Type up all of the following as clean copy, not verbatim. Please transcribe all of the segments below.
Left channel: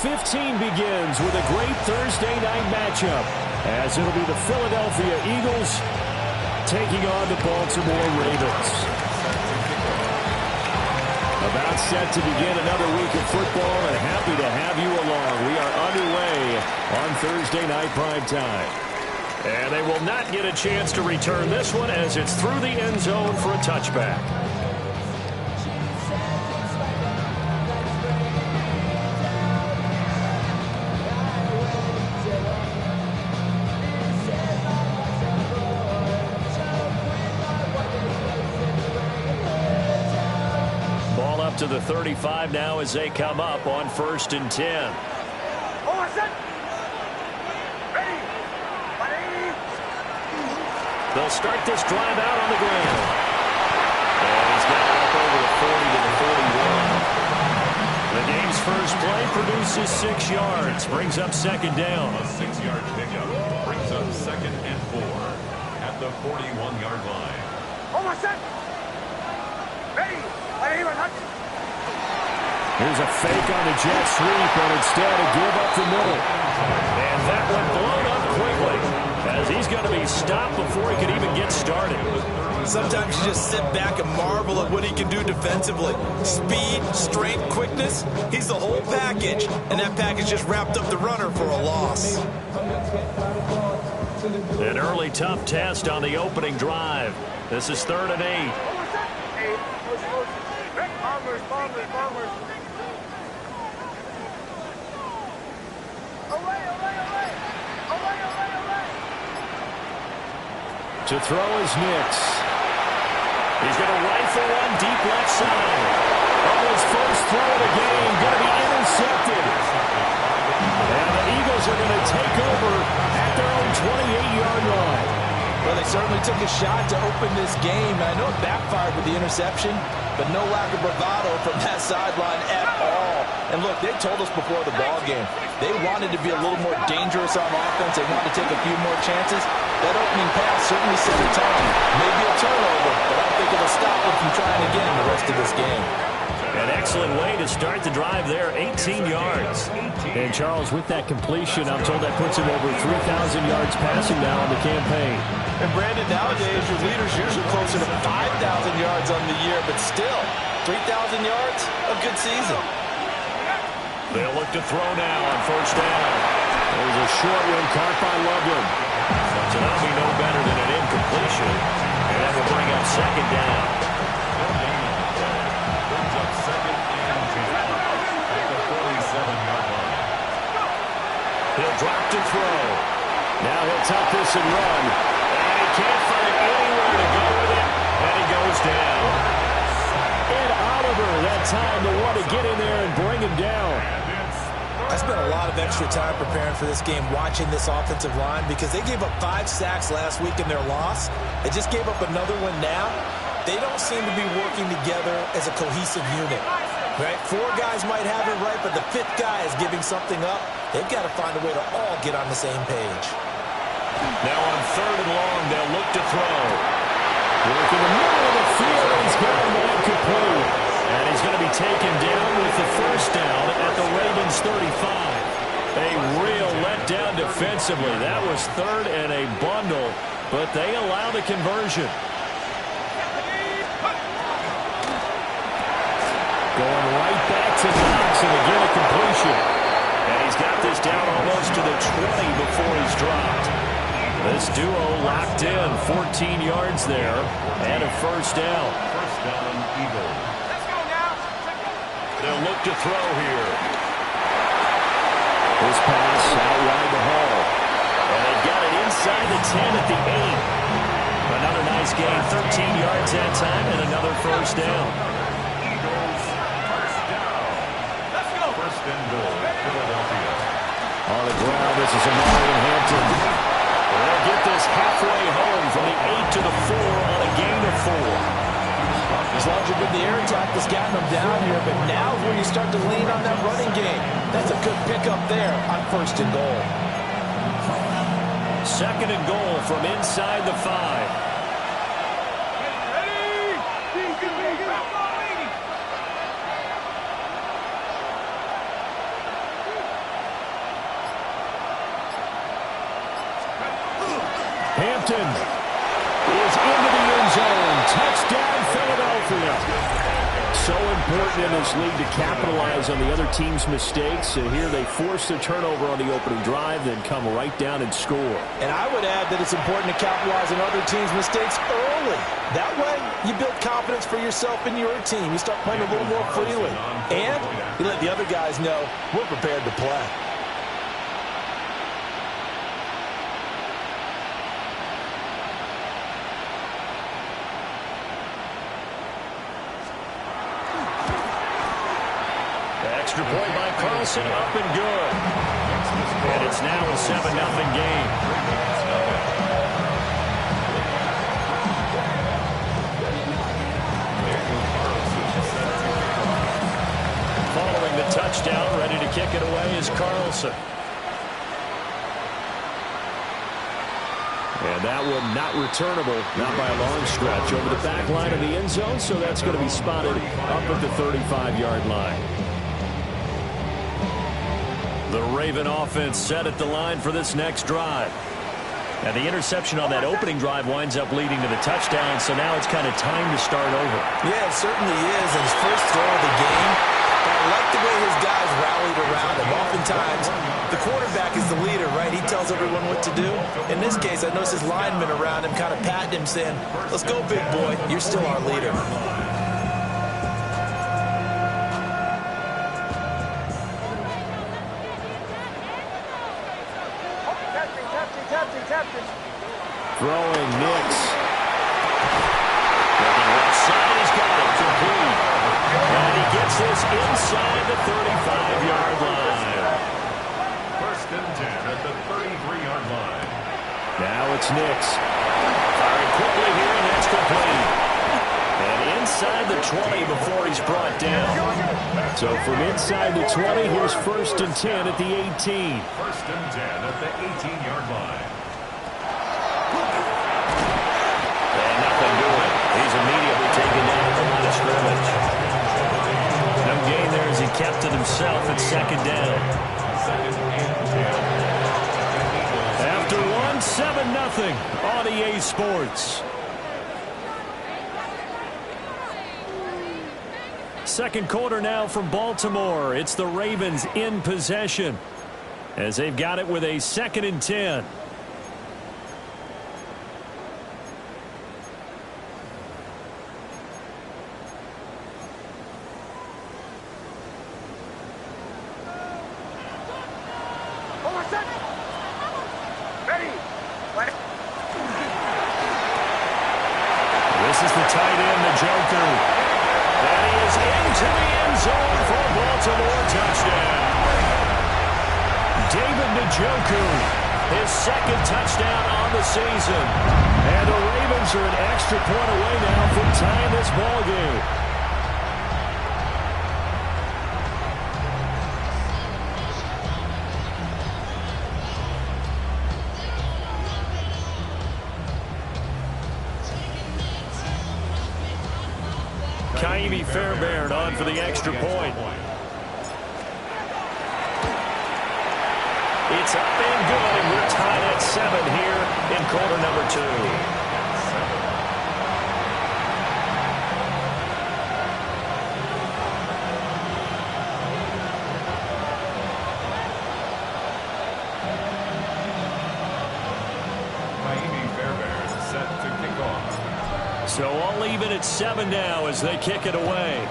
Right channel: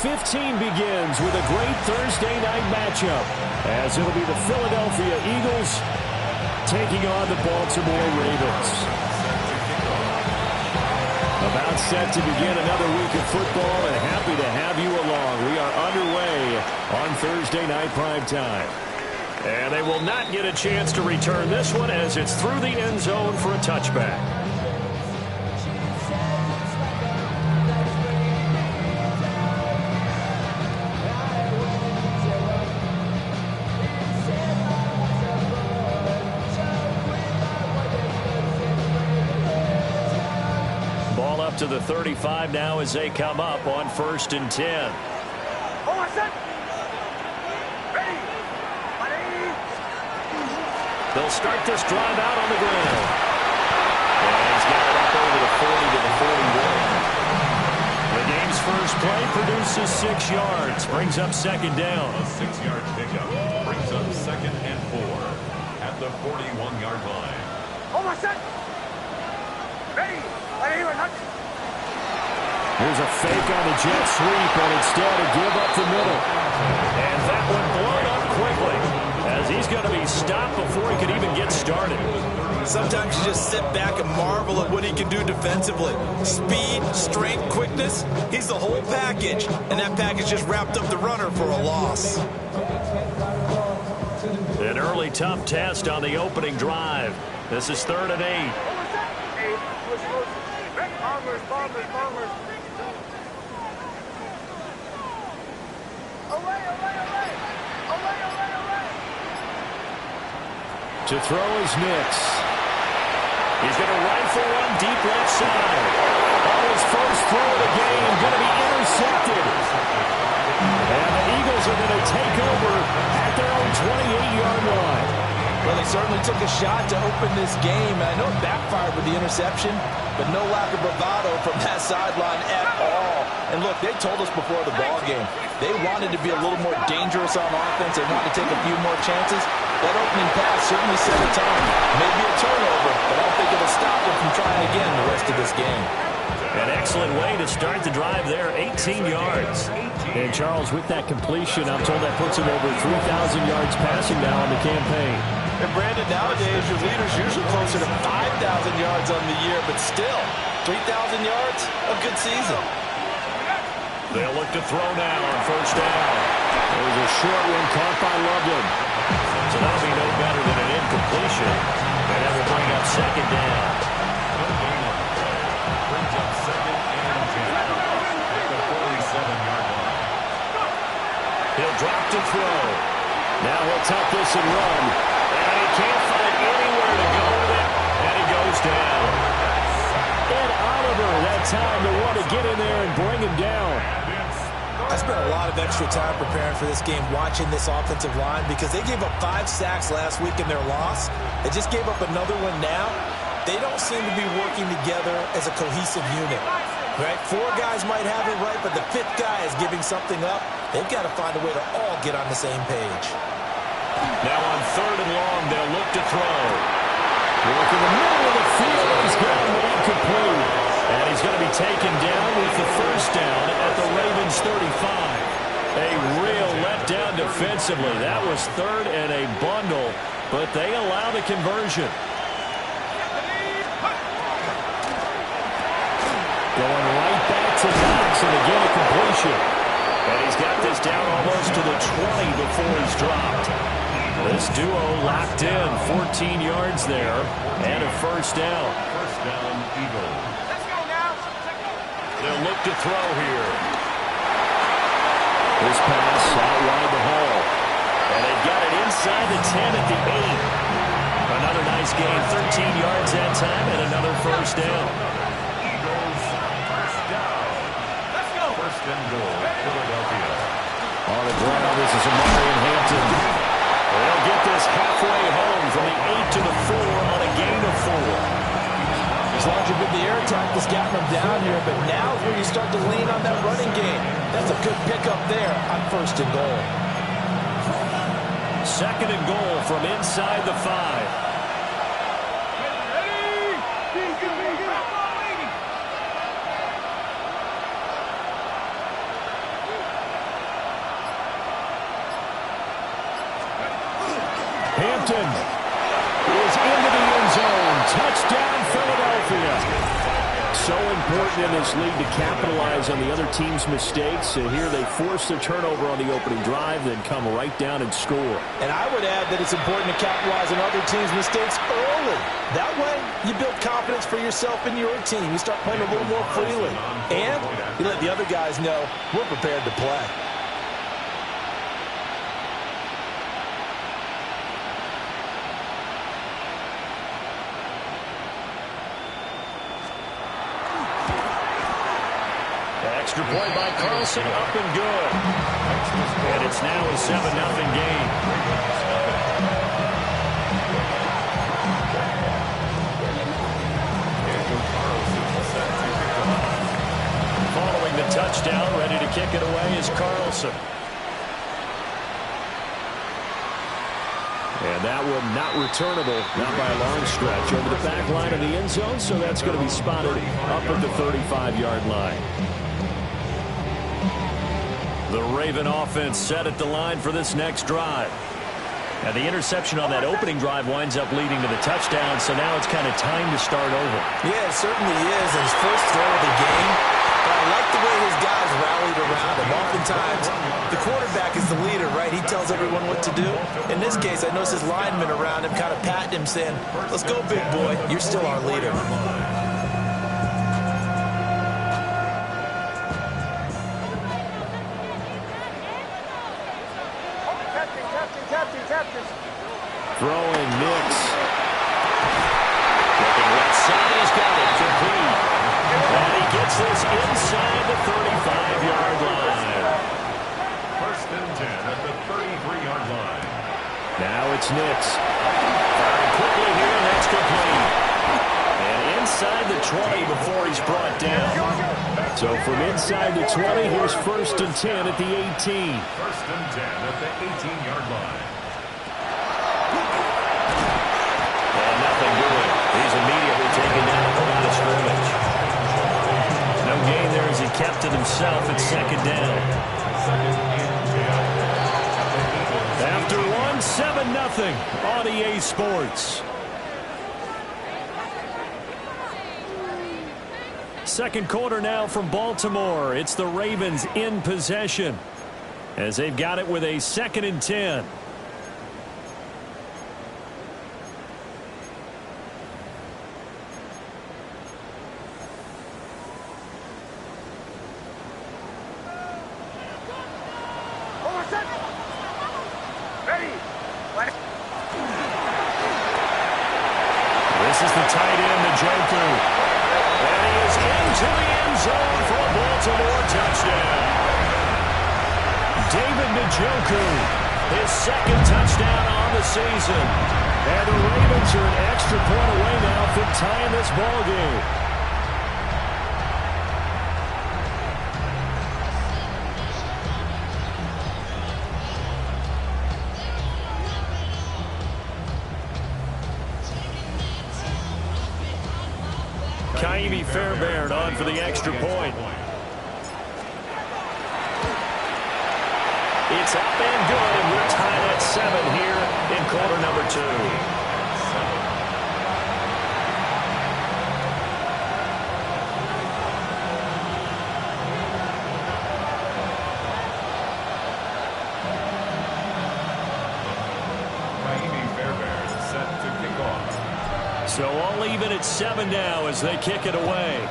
15 begins with a great Thursday night matchup, as it'll be the Philadelphia Eagles taking on the Baltimore Ravens. About set to begin another week of football, and happy to have you along. We are underway on Thursday night primetime. And they will not get a chance to return this one, as it's through the end zone for a touchback. Ball up to the 35 now as they come up on 1st and 10. They'll start this drive out on the ground. And he's got it up over the 40 to the 41. The game's first play produces 6 yards. Brings up 2nd down. A 6-yard pickup brings up 2nd and 4 at the 41-yard line. Almost set. Ready. Here's a fake on the jet sweep, and instead a give up the middle. And that one blown up quickly, as he's going to be stopped before he can even get started. Sometimes you just sit back and marvel at what he can do defensively. Speed, strength, quickness, he's the whole package. And that package just wrapped up the runner for a loss. An early tough test on the opening drive. This is 3rd and 8. Bombers. Away. To throw is Nix. He's going to rifle one deep left side. On his first throw of the game, going to be intercepted. And the Eagles are going to take over at their own 28-yard line. Well, they certainly took a shot to open this game. I know it backfired with the interception, but no lack of bravado from that sideline at all. And look, they told us before the ball game, they wanted to be a little more dangerous on offense. They wanted to take a few more chances. That opening pass certainly set a tone. Maybe a turnover, but I don't think it'll stop them from trying again the rest of this game. An excellent way to start the drive there, 18 yards. And Charles, with that completion, I'm told that puts him over 3,000 yards passing now on the campaign. And Brandon, nowadays your leader's usually closer to 5,000 yards on the year, but still, 3,000 yards, a good season. They'll look to throw now on 1st down. There's a short one caught by Loveland. So that'll be no better than an incompletion. And that will bring up 2nd down. No gain on the play. Brings up 2nd and 10 at the 47-yard line. He'll drop to throw. Now he'll tuck this and run. And he can't find anywhere to go with it. And he goes down. Ed Oliver, that time to want to get in there and bring him down. I spent a lot of extra time preparing for this game, watching this offensive line, because they gave up 5 sacks last week in their loss. They just gave up another one now. They don't seem to be working together as a cohesive unit. Right? 4 guys might have it right, but the 5th guy is giving something up. They've got to find a way to all get on the same page. Now on 3rd and long, they'll look to throw. Work in the middle of the field, and he's got a man complete. And he's going to be taken down with the 1st down at the Ravens 35. A real letdown defensively. That was 3rd and a bundle, but they allow the conversion. Going right back to Knox, and again a completion. And he's got this down almost to the 20 before he's dropped. This duo locked in, 14 yards there, and a 1st down. 1st down, Eagles. They'll look to throw here. This pass out wide to Hall. And they've got it inside the 10 at the 8. Another nice gain, 13 yards that time, and another 1st down. Eagles, 1st down. Let's go. 1st and goal, Philadelphia. On the ground, this is Amari Hampton. They'll get this halfway home from the 8 to the 4 on a gain of 4. As long as you've been the air attack that's gotten them down here, but now is where you start to lean on that running game. That's a good pickup there on 1st and goal. 2nd and goal from inside the 5. Hampton is into the end zone. Touchdown, Philadelphia. So important in this league to capitalize on the other team's mistakes. Here they force the turnover on the opening drive, then come right down and score. And I would add that it's important to capitalize on other teams' mistakes early. That way, you build confidence for yourself and your team. You start playing a little more freely. And you let the other guys know we're prepared to play. Extra point by Carlson, up and good. And it's now a 7-0 game. Following the touchdown, ready to kick it away is Carlson. And that one not returnable, not by a long stretch, over the back line of the end zone, so that's going to be spotted up at the 35-yard line. The Raven offense set at the line for this next drive. And the interception on that opening drive winds up leading to the touchdown, so now it's kind of time to start over. Yeah, it certainly is. And his first throw of the game, but I like the way his guys rallied around him. Oftentimes, the quarterback is the leader, right? He tells everyone what to do. In this case, I noticed his linemen around him kind of patting him, saying, let's go, big boy. You're still our leader. Throwing Nix. Looking left side, he's got it complete. And he gets this inside the 35-yard line. First and 10 at the 33-yard line. Now it's Nix. Firing quickly here, and that's complete. And inside the 20 before he's brought down. So from inside the 20, here's first and 10 at the 18. First and 10 at the 18-yard line. And nothing doing. He's immediately taken down at the line of scrimmage. No gain there as he kept it himself at second down. Second and 10. After one, 7-0 on EA Sports. Second quarter now from Baltimore. It's the Ravens in possession as they've got it with a 2nd and 10. This is the tight end, Njoku. And he is into the end zone for a Baltimore touchdown. David Njoku, his 2nd touchdown on the season. And the Ravens are an extra point away now from tying this ball game. Ka'imi Fairbairn on for the extra point. It's up and good, and we're tied at 7 here in quarter number 2. Ka'imi Fairbairn set to kick off. So all even at 7 now as they kick it away.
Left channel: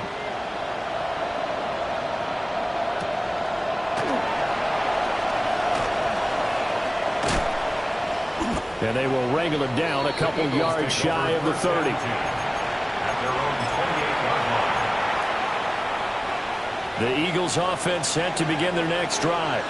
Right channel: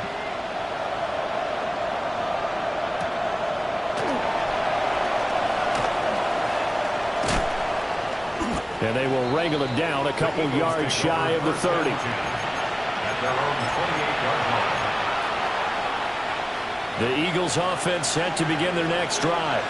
And they will wrangle him down a couple yards shy of the 30. At their own 28-yard line. The Eagles offense set to begin their next drive.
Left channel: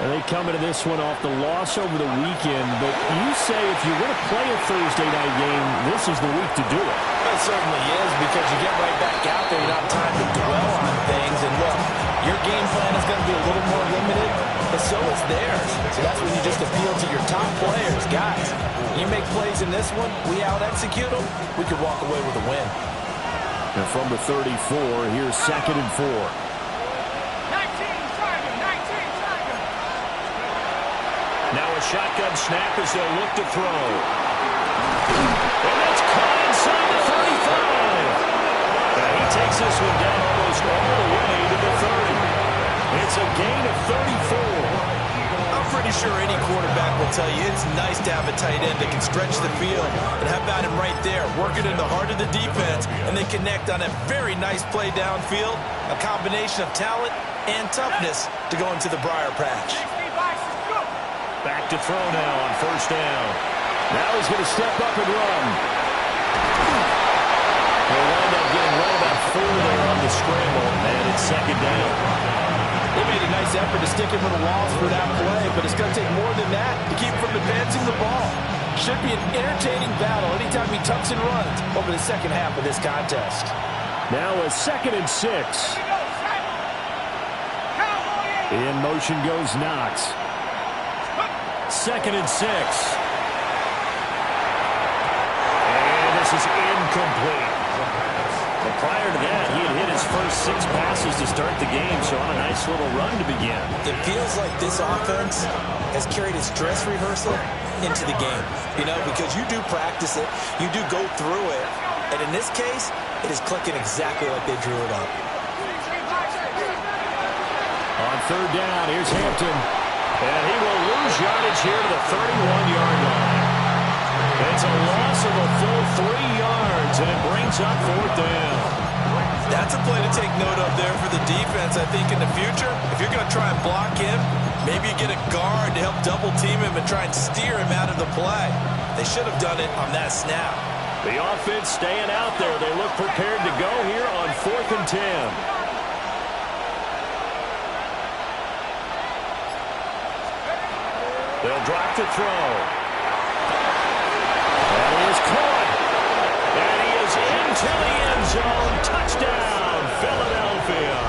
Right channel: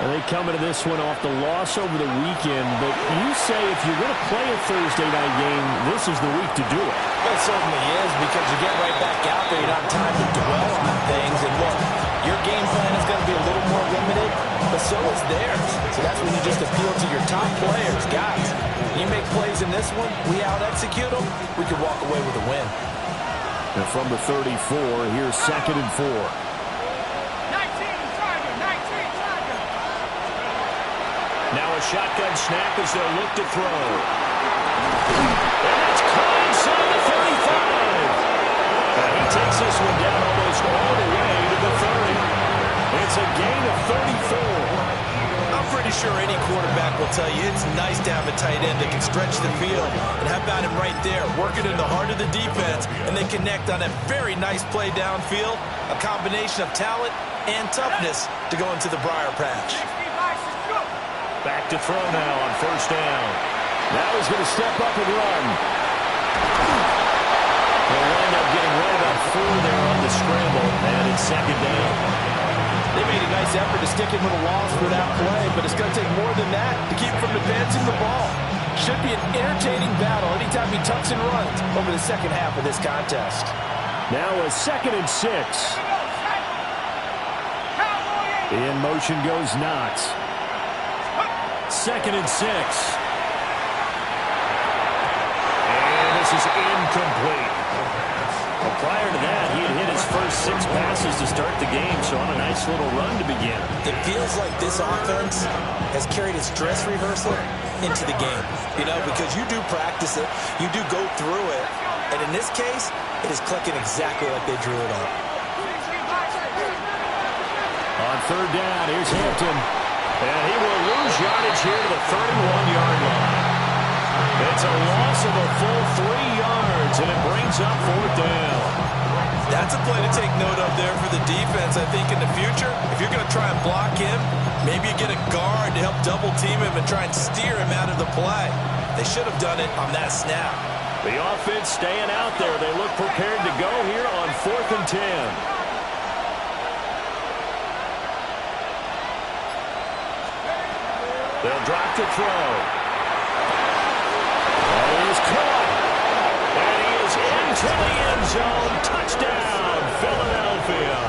And they come into this one off the loss over the weekend. But you say if you're going to play a Thursday night game, this is the week to do it. It certainly is, because you get right back out there. You don't have time to dwell on things. And look, your game plan is going to be a little more limited, but so is theirs. So that's when you just appeal to your top players. Guys, you make plays in this one, we out-execute them, we could walk away with a win. And from the 34, here's 2nd and 4. Now a shotgun snap as they'll look to throw. And that's caught inside the 35. He takes this one down almost all the way to the 30. It's a gain of 34. I'm pretty sure any quarterback will tell you it's nice to have a tight end that can stretch the field. And how about him right there, working in the heart of the defense, and they connect on a very nice play downfield, a combination of talent and toughness to go into the briar patch. Back to throw now on first down. Now he's going to step up and run. They'll wind up getting right about 4 there on the scramble, and it's second down. They made a nice effort to stick him with a loss for that play, but it's going to take more than that to keep him from advancing the ball. Should be an entertaining battle anytime he tucks and runs over the second half of this contest. Now a 2nd and 6. In motion goes Knox. 2nd and 6. And this is incomplete. Well, prior to that, he had hit his first 6 passes to start the game, so on a nice little run to begin. It feels like this offense has carried its dress rehearsal into the game, you know, because you do practice it, you do go through it, and in this case, it is clicking exactly like they drew it up. On third down, here's Hampton, and he will lose yardage here to the 31-yard line. It's a loss of a full 3 yards, and it brings up 4th down. That's a play to take note of there for the defense, I think, in the future. If you're going to try and block him, maybe you get a guard to help double-team him and try and steer him out of the play. They should have done it on that snap. The offense staying out there. They look prepared to go here on 4th and 10. They'll drop to throw. And he is caught. And he is into the end zone. Touchdown, Philadelphia.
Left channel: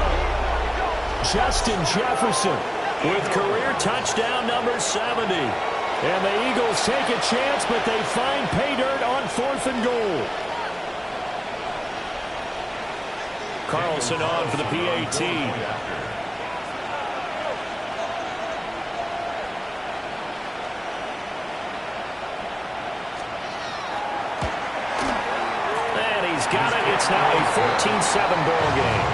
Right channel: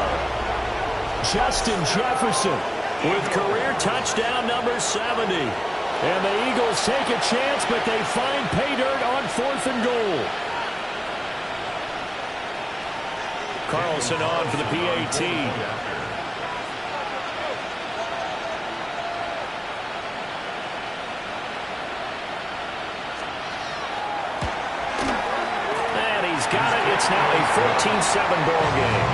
Justin Jefferson with career touchdown number 70. And the Eagles take a chance, but they find pay dirt on 4th and goal. Carlson on for the PAT. He's got it. It's now a 14-7 ball game.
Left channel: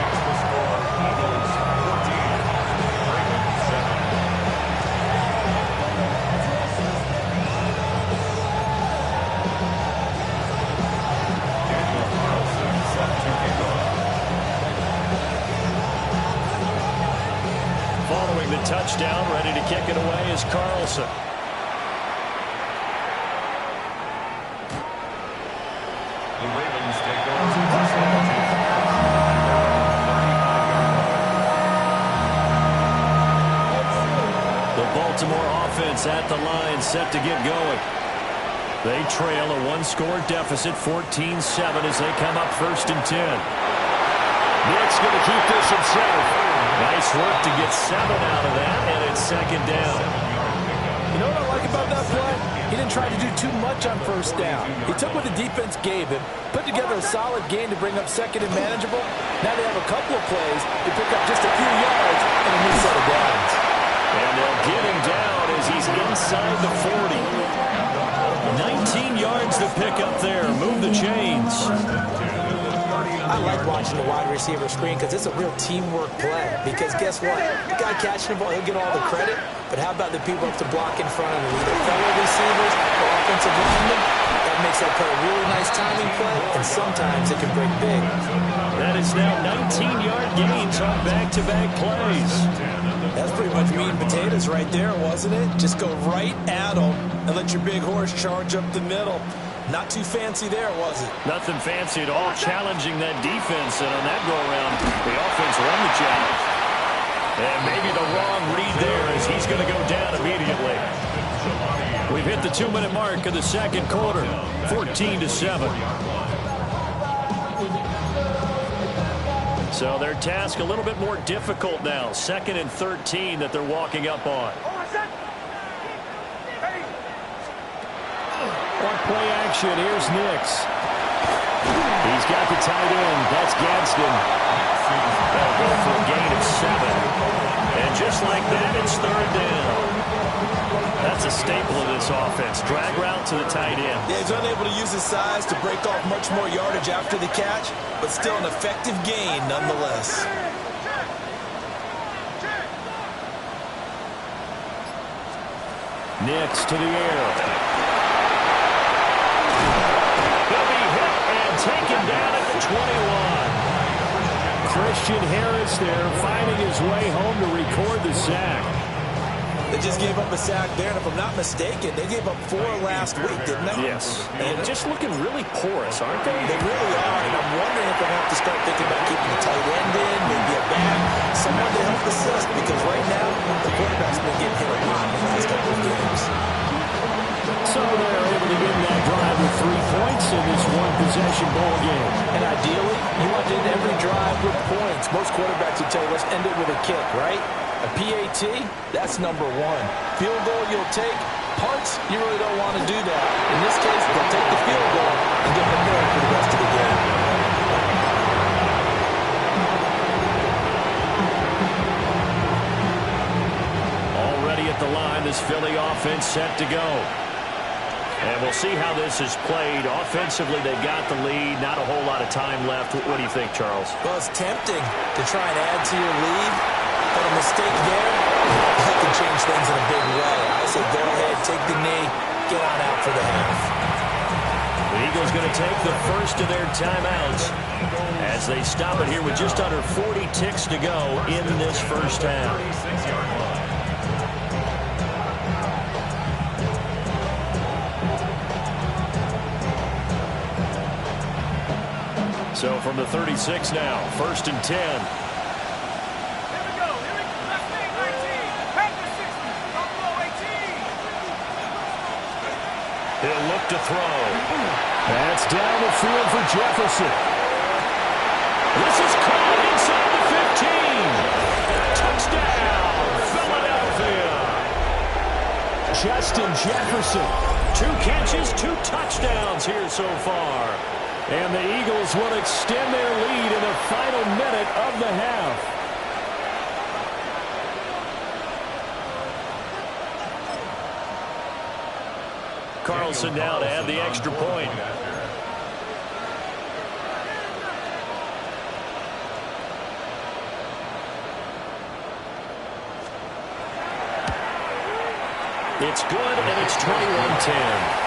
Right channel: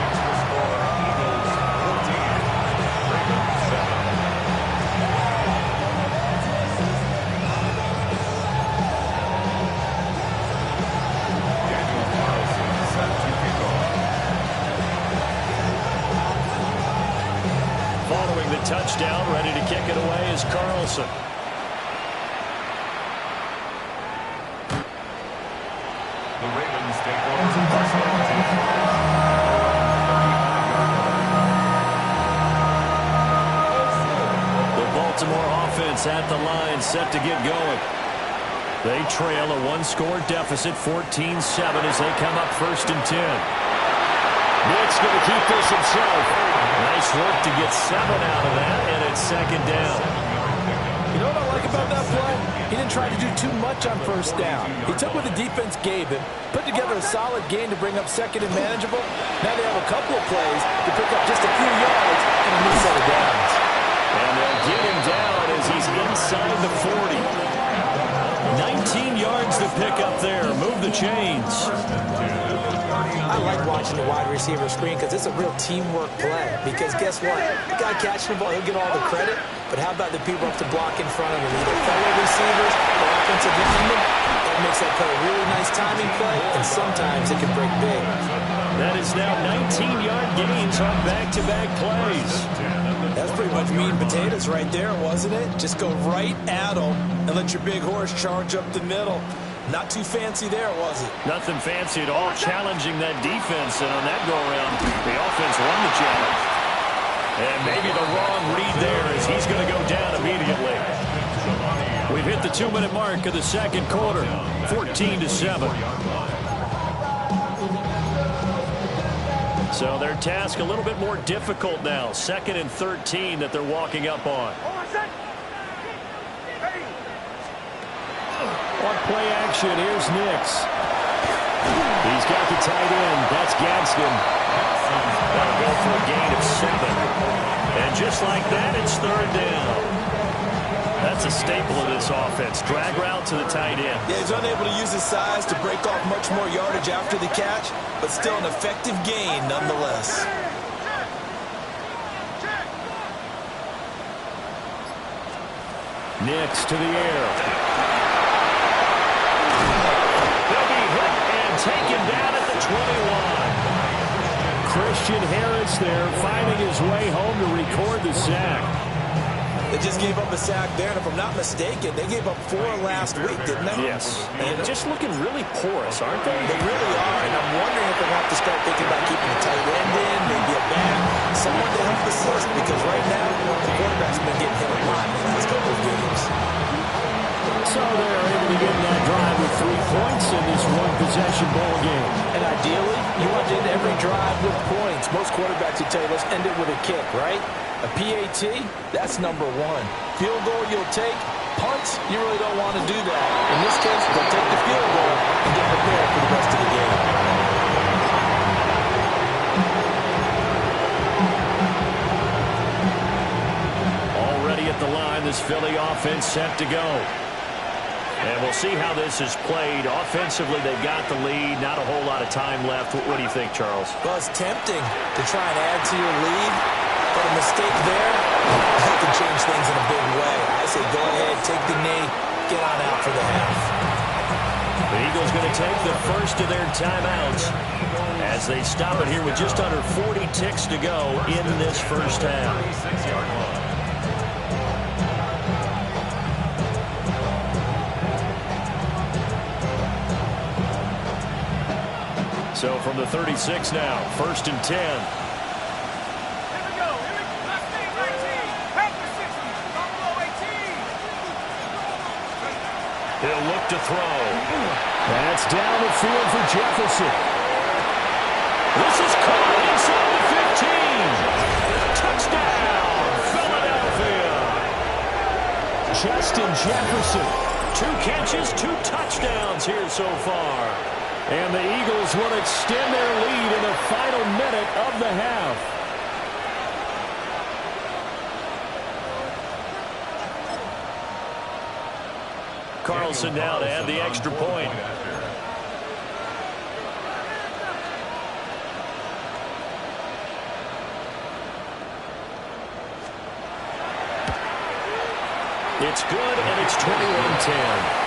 Following the touchdown, ready to kick it away is Carlson. The Ravens take over the first down. The Baltimore offense at the line, set to get going. They trail a 1-score deficit, 14-7 as they come up 1st and 10. Nick's going to keep this himself. Nice work to get 7 out of that, and it's 2nd down. You know what I like about that play? He didn't try to do too much on 1st down. He took what the defense gave him, put together a solid gain to bring up 2nd and manageable. Now they have a couple of plays to pick up just a few yards and a new set of downs. And they'll get him down as he's inside the 40. 19 yards to pick up there. Move the chains. I like watching the wide receiver screen because it's a real teamwork play. Because guess what? The guy catching the ball, he'll get all the credit. But how about the people up to block in front of him? Either fellow receivers or offensive linemen. That makes that play a really nice timing play, and sometimes it can break big. That is now 19-yard gains on back-to-back plays. That's pretty much meat and potatoes right there, wasn't it? Just go right at them and let your big horse charge up the middle. Not too fancy there, was it? Nothing fancy at all, challenging that defense, and on that go-around, the offense won the challenge. And maybe the wrong read there as he's going to go down immediately. We've hit the 2-minute mark of the 2nd quarter, 14-7. So their task a little bit more difficult now. 2nd and 13 that they're walking up on. On play action, here's Nix. He's got the tight end. That's Gadsden. That'll go for a gain of 7. And just like that, it's 3rd down. That's a staple of this offense. Drag route to the tight end. Yeah, he's unable to use his size to break off much more yardage after the catch, but still an effective gain nonetheless. Nix to the air. They'll be hit and taken down at the 21. Christian Harris there finding his way home to record the sack. They just gave up a sack there, and if I'm not mistaken, they gave up 4 last week, didn't they? Yes, and just looking really porous, aren't they? They really are, and I'm wondering if they'll have to start thinking about keeping the tight end in, maybe a back, someone to help assist, because right now, the quarterback's been getting hit a lot in the last couple of games. So they're able to get in that drive with 3 points in this one-possession ball game. And ideally, you want to end every drive with points. Most quarterbacks would tell you, let's end it with a kick, right? A PAT, that's number 1. Field goal you'll take. Punts, you really don't want to do that. In this case, they'll take the field goal and get prepared for the rest of the game. Already at the line, this Philly offense set to go. And we'll see how this is played. Offensively, they got the lead. Not a whole lot of time left. What do you think, Charles? Well, it's tempting to try and add to your lead, but a mistake there, that can change things in a big way. I say go ahead, take the knee, get on out for the half. The Eagles going to take the first of their timeouts as they stop it here with just under 40 ticks to go in this first half. 36-yard line. So from the 36 now, 1st and 10. Here we go. Left knee, 19. Back to 60. Don't blow 18. He'll look to throw. That's down the field for Jefferson. This is caught inside the 15. Touchdown, Philadelphia. Justin Jefferson. 2 catches, 2 touchdowns here so far. And the Eagles will extend their lead in the final minute of the half. Carlson now to add the extra point. It's good, and it's 21-10.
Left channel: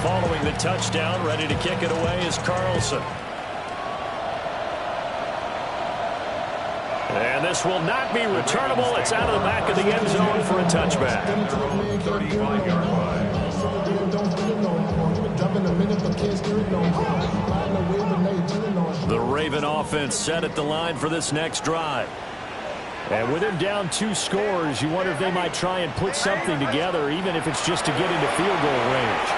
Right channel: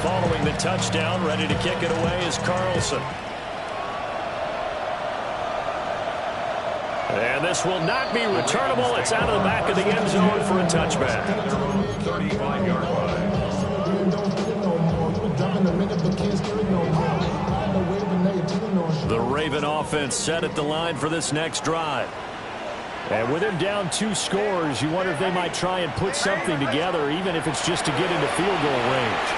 Following the touchdown, ready to kick it away is Carlson. And this will not be returnable. It's out of the back of the end zone for a touchback. 35-yard line. The Raven offense set at the line for this next drive. And with him down 2 scores, you wonder if they might try and put something together, even if it's just to get into field goal range.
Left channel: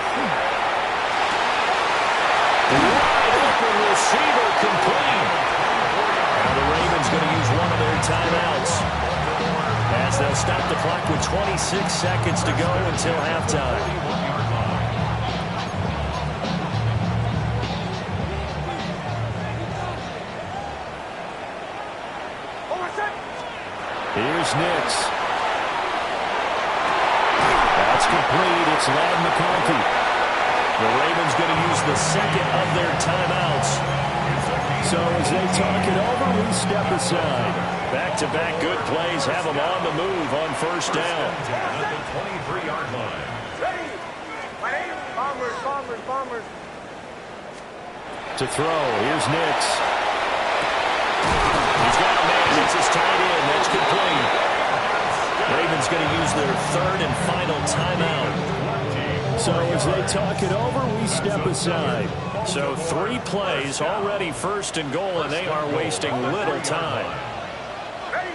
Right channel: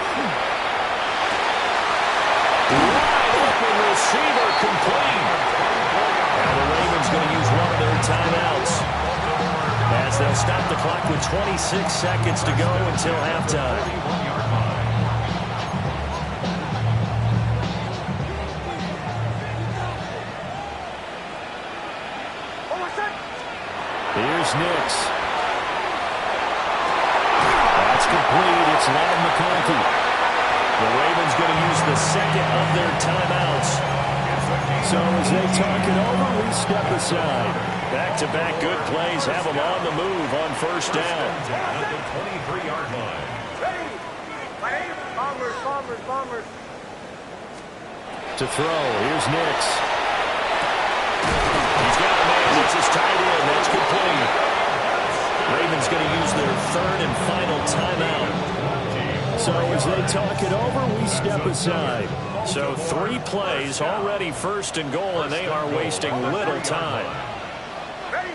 Wide open receiver complete. Now the Ravens going to use one of their timeouts as they'll stop the clock with 26 seconds to go until halftime. Here's Nix. That's complete. It's Ladd McConkey. The Ravens going to use the second of their timeouts. So as they talk it over, we step aside. Back-to-back good plays have them on the move on first down. At the 23-yard line. Ready. Bombers, bombers, bombers. To throw, here's Nix. He's got a man. It's his tight end. That's complete. Ravens going to use their third and final timeout. So as they talk it over, we step aside. So 3 plays already first and goal, and they are wasting little time. Ready.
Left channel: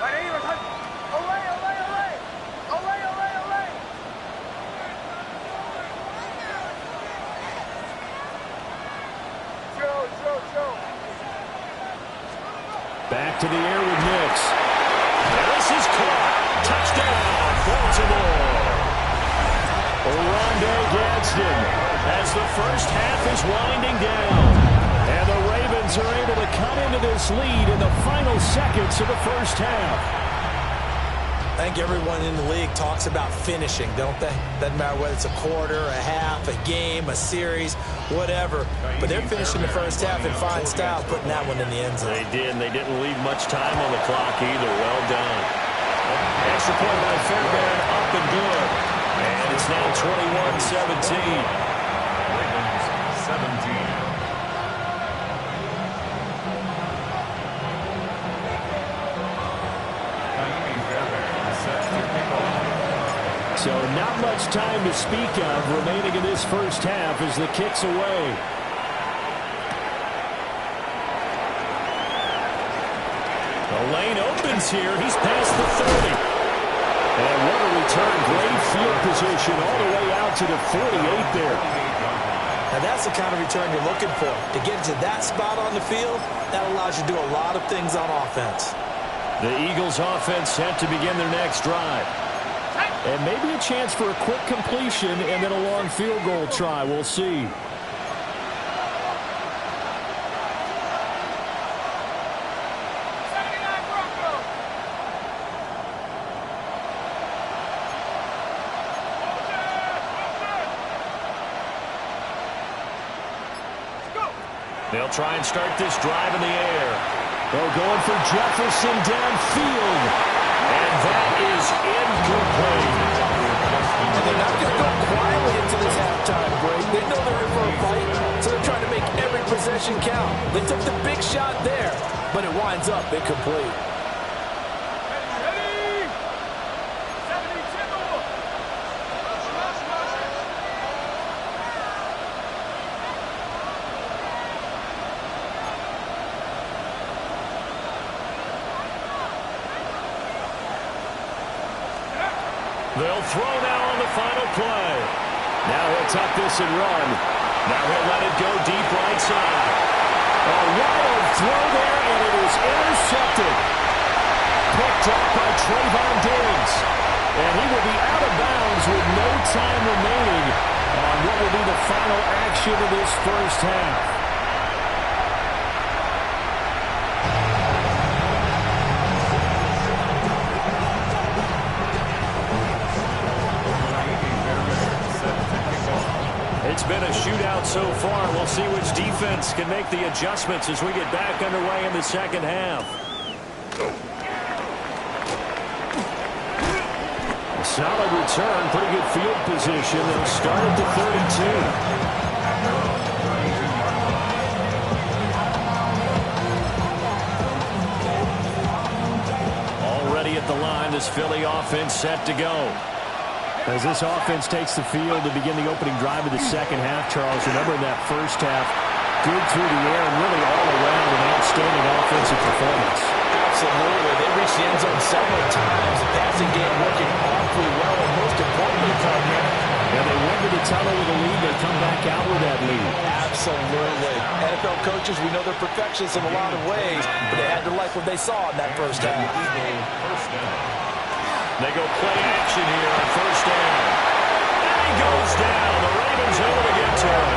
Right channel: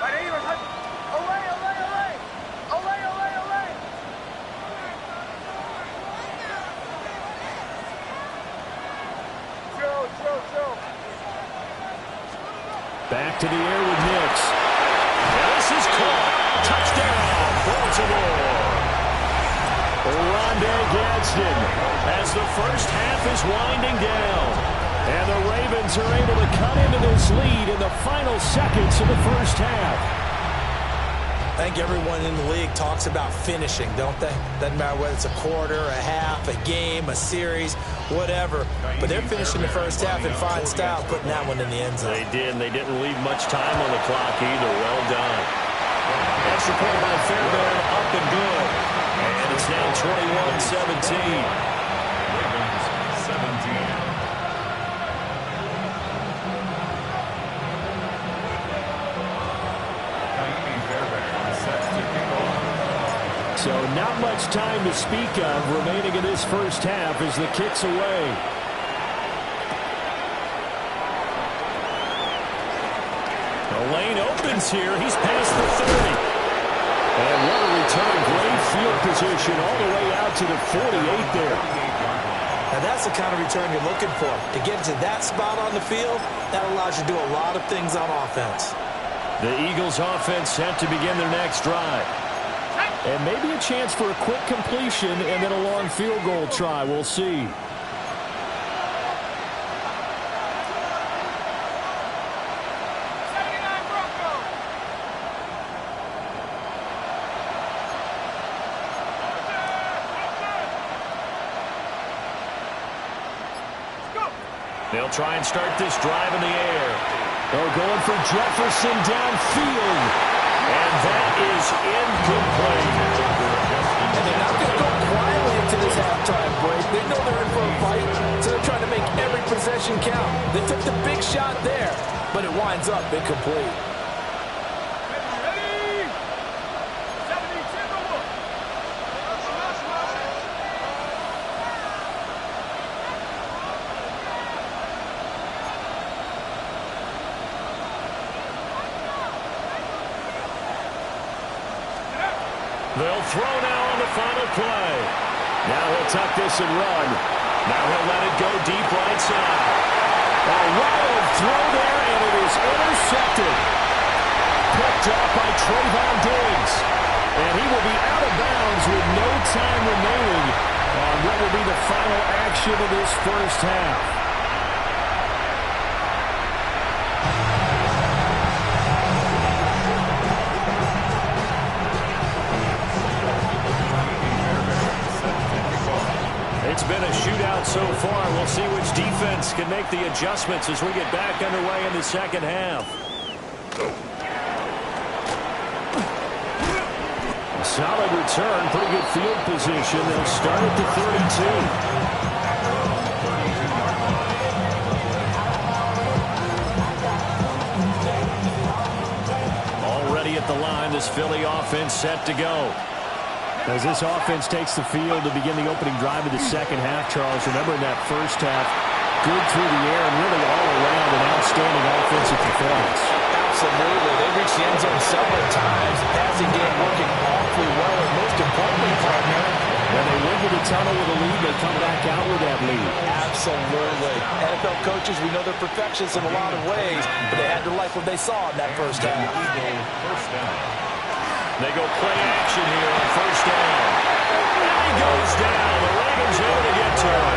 Away, away, away. Away, away, away. Joe. Back to the air with Nix. And this is caught. Touchdown, Baltimore. Rondé Johnston as the first half is winding down. And the Ravens are able to cut into this lead in the final seconds of the first half. I think everyone in the league talks about finishing, don't they? Doesn't matter whether it's a quarter, a half, a game, a series, whatever. But they're finishing the first half in fine style, putting that one in the end zone. They did, and they didn't leave much time on the clock either. Well done. Extra point by Fairbairn, up and good. And it's now 21-17. Ravens 17. So not much time to speak of remaining in this first half as the kick's away. The lane opens here. He's past the 30. And what a return. Great field position all the way out to the 48 there. Now that's the kind of return you're looking for. To get to that spot on the field, that allows you to do a lot of things on offense. The Eagles offense set to begin their next drive. And maybe a chance for a quick completion and then a long field goal try. We'll see. They'll try and start this drive in the air. They're going for Jefferson downfield. And that is incomplete. And they're not going to go quietly into this halftime break. They know they're in for a fight, so they're trying to make every possession count. They took the big shot there, but it winds up incomplete. Ready? 72. They'll throw now on the final play. Now he'll tuck this and run. Now he'll let it go deep right side. A wild throw there, and it is intercepted. Picked off by Trayvon Diggs. And he will be out of bounds with no time remaining on what will be the final action of this first half. It's been a shootout so far. We'll see which defense can make the adjustments as we get back underway in the second half. A solid return, pretty good field position. They'll start at the 32. Already at the line, this Philly offense set to go. As this offense takes the field to begin the opening drive of the second half, Charles, remember in that first half, good through the air and really all around an outstanding offensive performance. Absolutely. They reached the end zone several times. The passing game working awfully well, and most importantly, partner, and they went to the tunnel with a lead. They come back out with that lead. Absolutely. NFL coaches, we know they're perfectionists in a lot of ways, but they had to like what they saw in that first half. First down. They go play action here on first down. And he goes down. The Ravens able to get to him.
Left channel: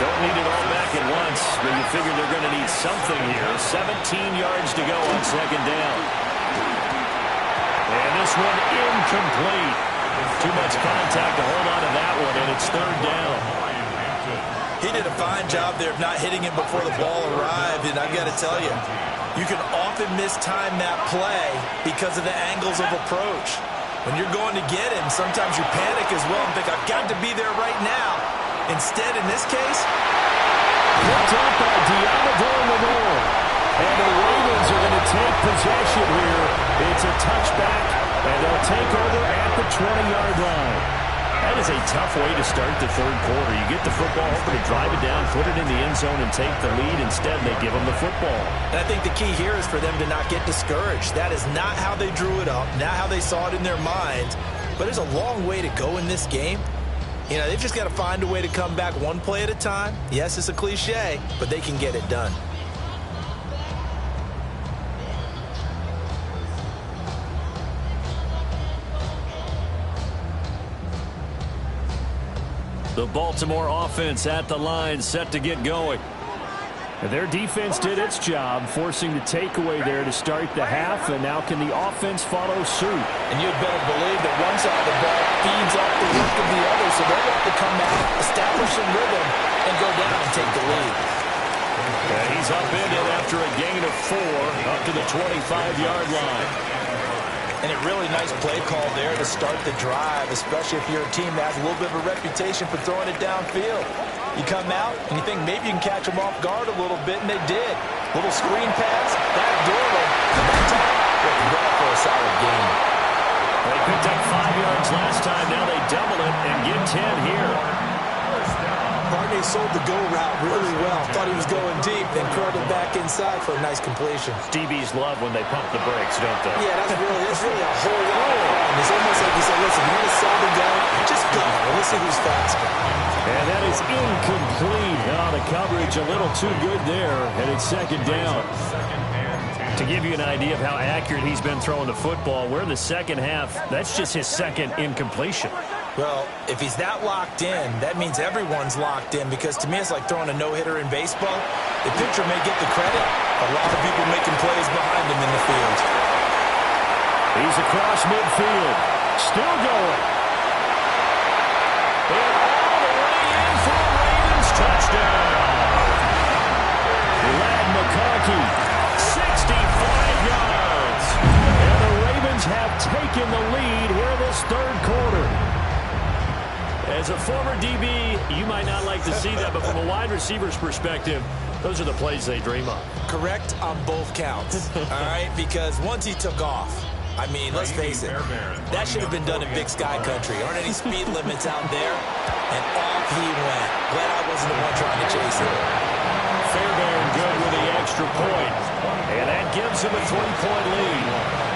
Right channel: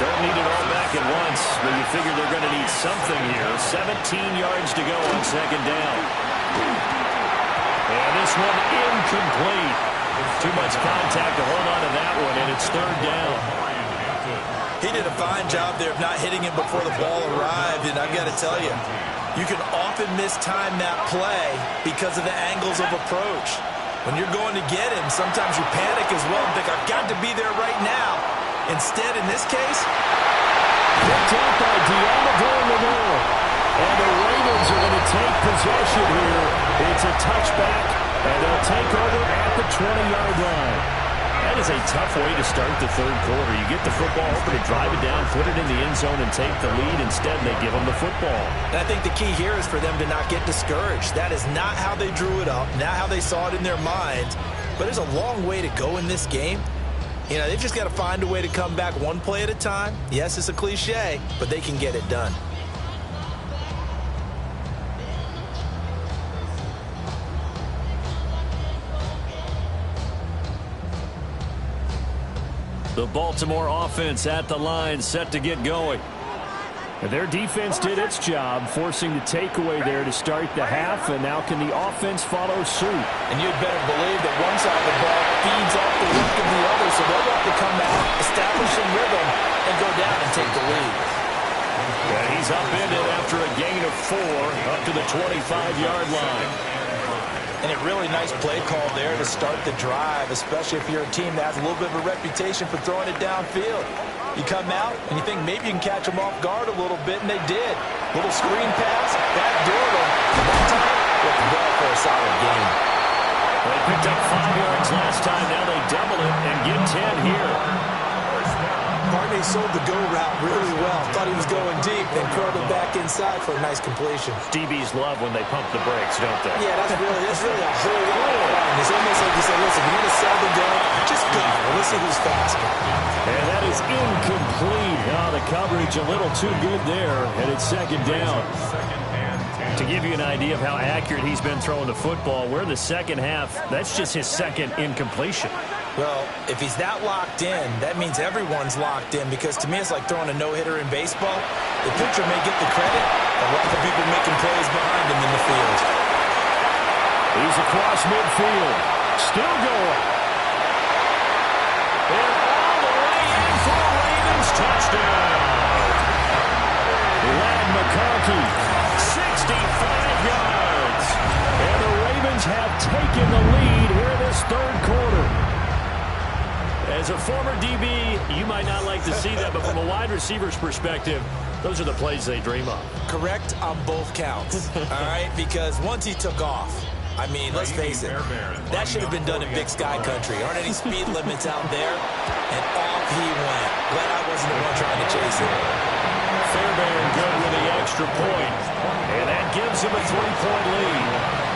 Don't need it all back at once, but you figure they're going to need something here. 17 yards to go on second down. And this one incomplete. Too much contact to hold on to that one, and it's third down. He did a fine job there of not hitting him before the ball arrived, and I've got to tell you, you can often mistime that play because of the angles of approach. When you're going to get him, sometimes you panic as well and think, I've got to be there right now. Instead, in this case, picked up by Deommodore Lenoir. And the Ravens are going to take possession here. It's a touchback, and they'll take over at the 20-yard line. That is a tough way to start the third quarter. You get the football, hoping to drive it down, put it in the end zone, and take the lead. Instead, they give them the football. And I think the key here is for them to not get discouraged. That is not how they drew it up, not how they saw it in their minds. But there's a long way to go in this game. You know, they've just got to find a way to come back one play at a time. Yes, it's a cliche, but they can get it done. The Baltimore offense at the line, set to get going. Their defense did its job, forcing the takeaway there to start the half, and now can the offense follow suit? And you'd better believe that one side of the ball feeds off the work of the other, so they'll want to come out, establish some rhythm, and go down and take the lead. And he's upended after a gain of 4 up to the 25-yard line. And a really nice play call there to start the drive, especially if you're a team that has a little bit of a reputation for throwing it downfield. You come out and you think maybe you can catch them off guard a little bit, and they did. Little screen pass, backdoored them. And that time, worked well for a solid gain. They picked up 5 yards last time. Now they double it and get 10 here. Barney sold the go route really well. Thought he was going deep, then curled it back inside for a nice completion. DBs love when they pump the brakes, don't they? Yeah, that's really a whole lot of fun. It's almost like he said, listen, you're going to sell the gun, just go. Let's see who's faster. And that is incomplete. Oh, the coverage a little too good there, and it's second down. To give you an idea of how accurate he's been throwing the football, we're in the second half. That's just his second incompletion. Well, if he's that locked in, that means everyone's locked in, because to me it's like throwing a no-hitter in baseball. The pitcher may get the credit, but a lot of people making plays behind him in the field. He's across midfield. Still going. And all the way in for a Ravens touchdown. Ladd McConkey, 65 yards. And the Ravens have taken the lead here in this third quarter. As a former DB, you might not like to see that, but from a wide receiver's perspective, those are the plays they dream of. Correct on both counts, all right? Because once he took off, I mean, let's face it, that should have been done in Big Sky Country. Aren't any speed limits out there? And off he went. Glad I wasn't the one trying to chase him. Fairbairn good with the extra point, and that gives him a 3-point lead.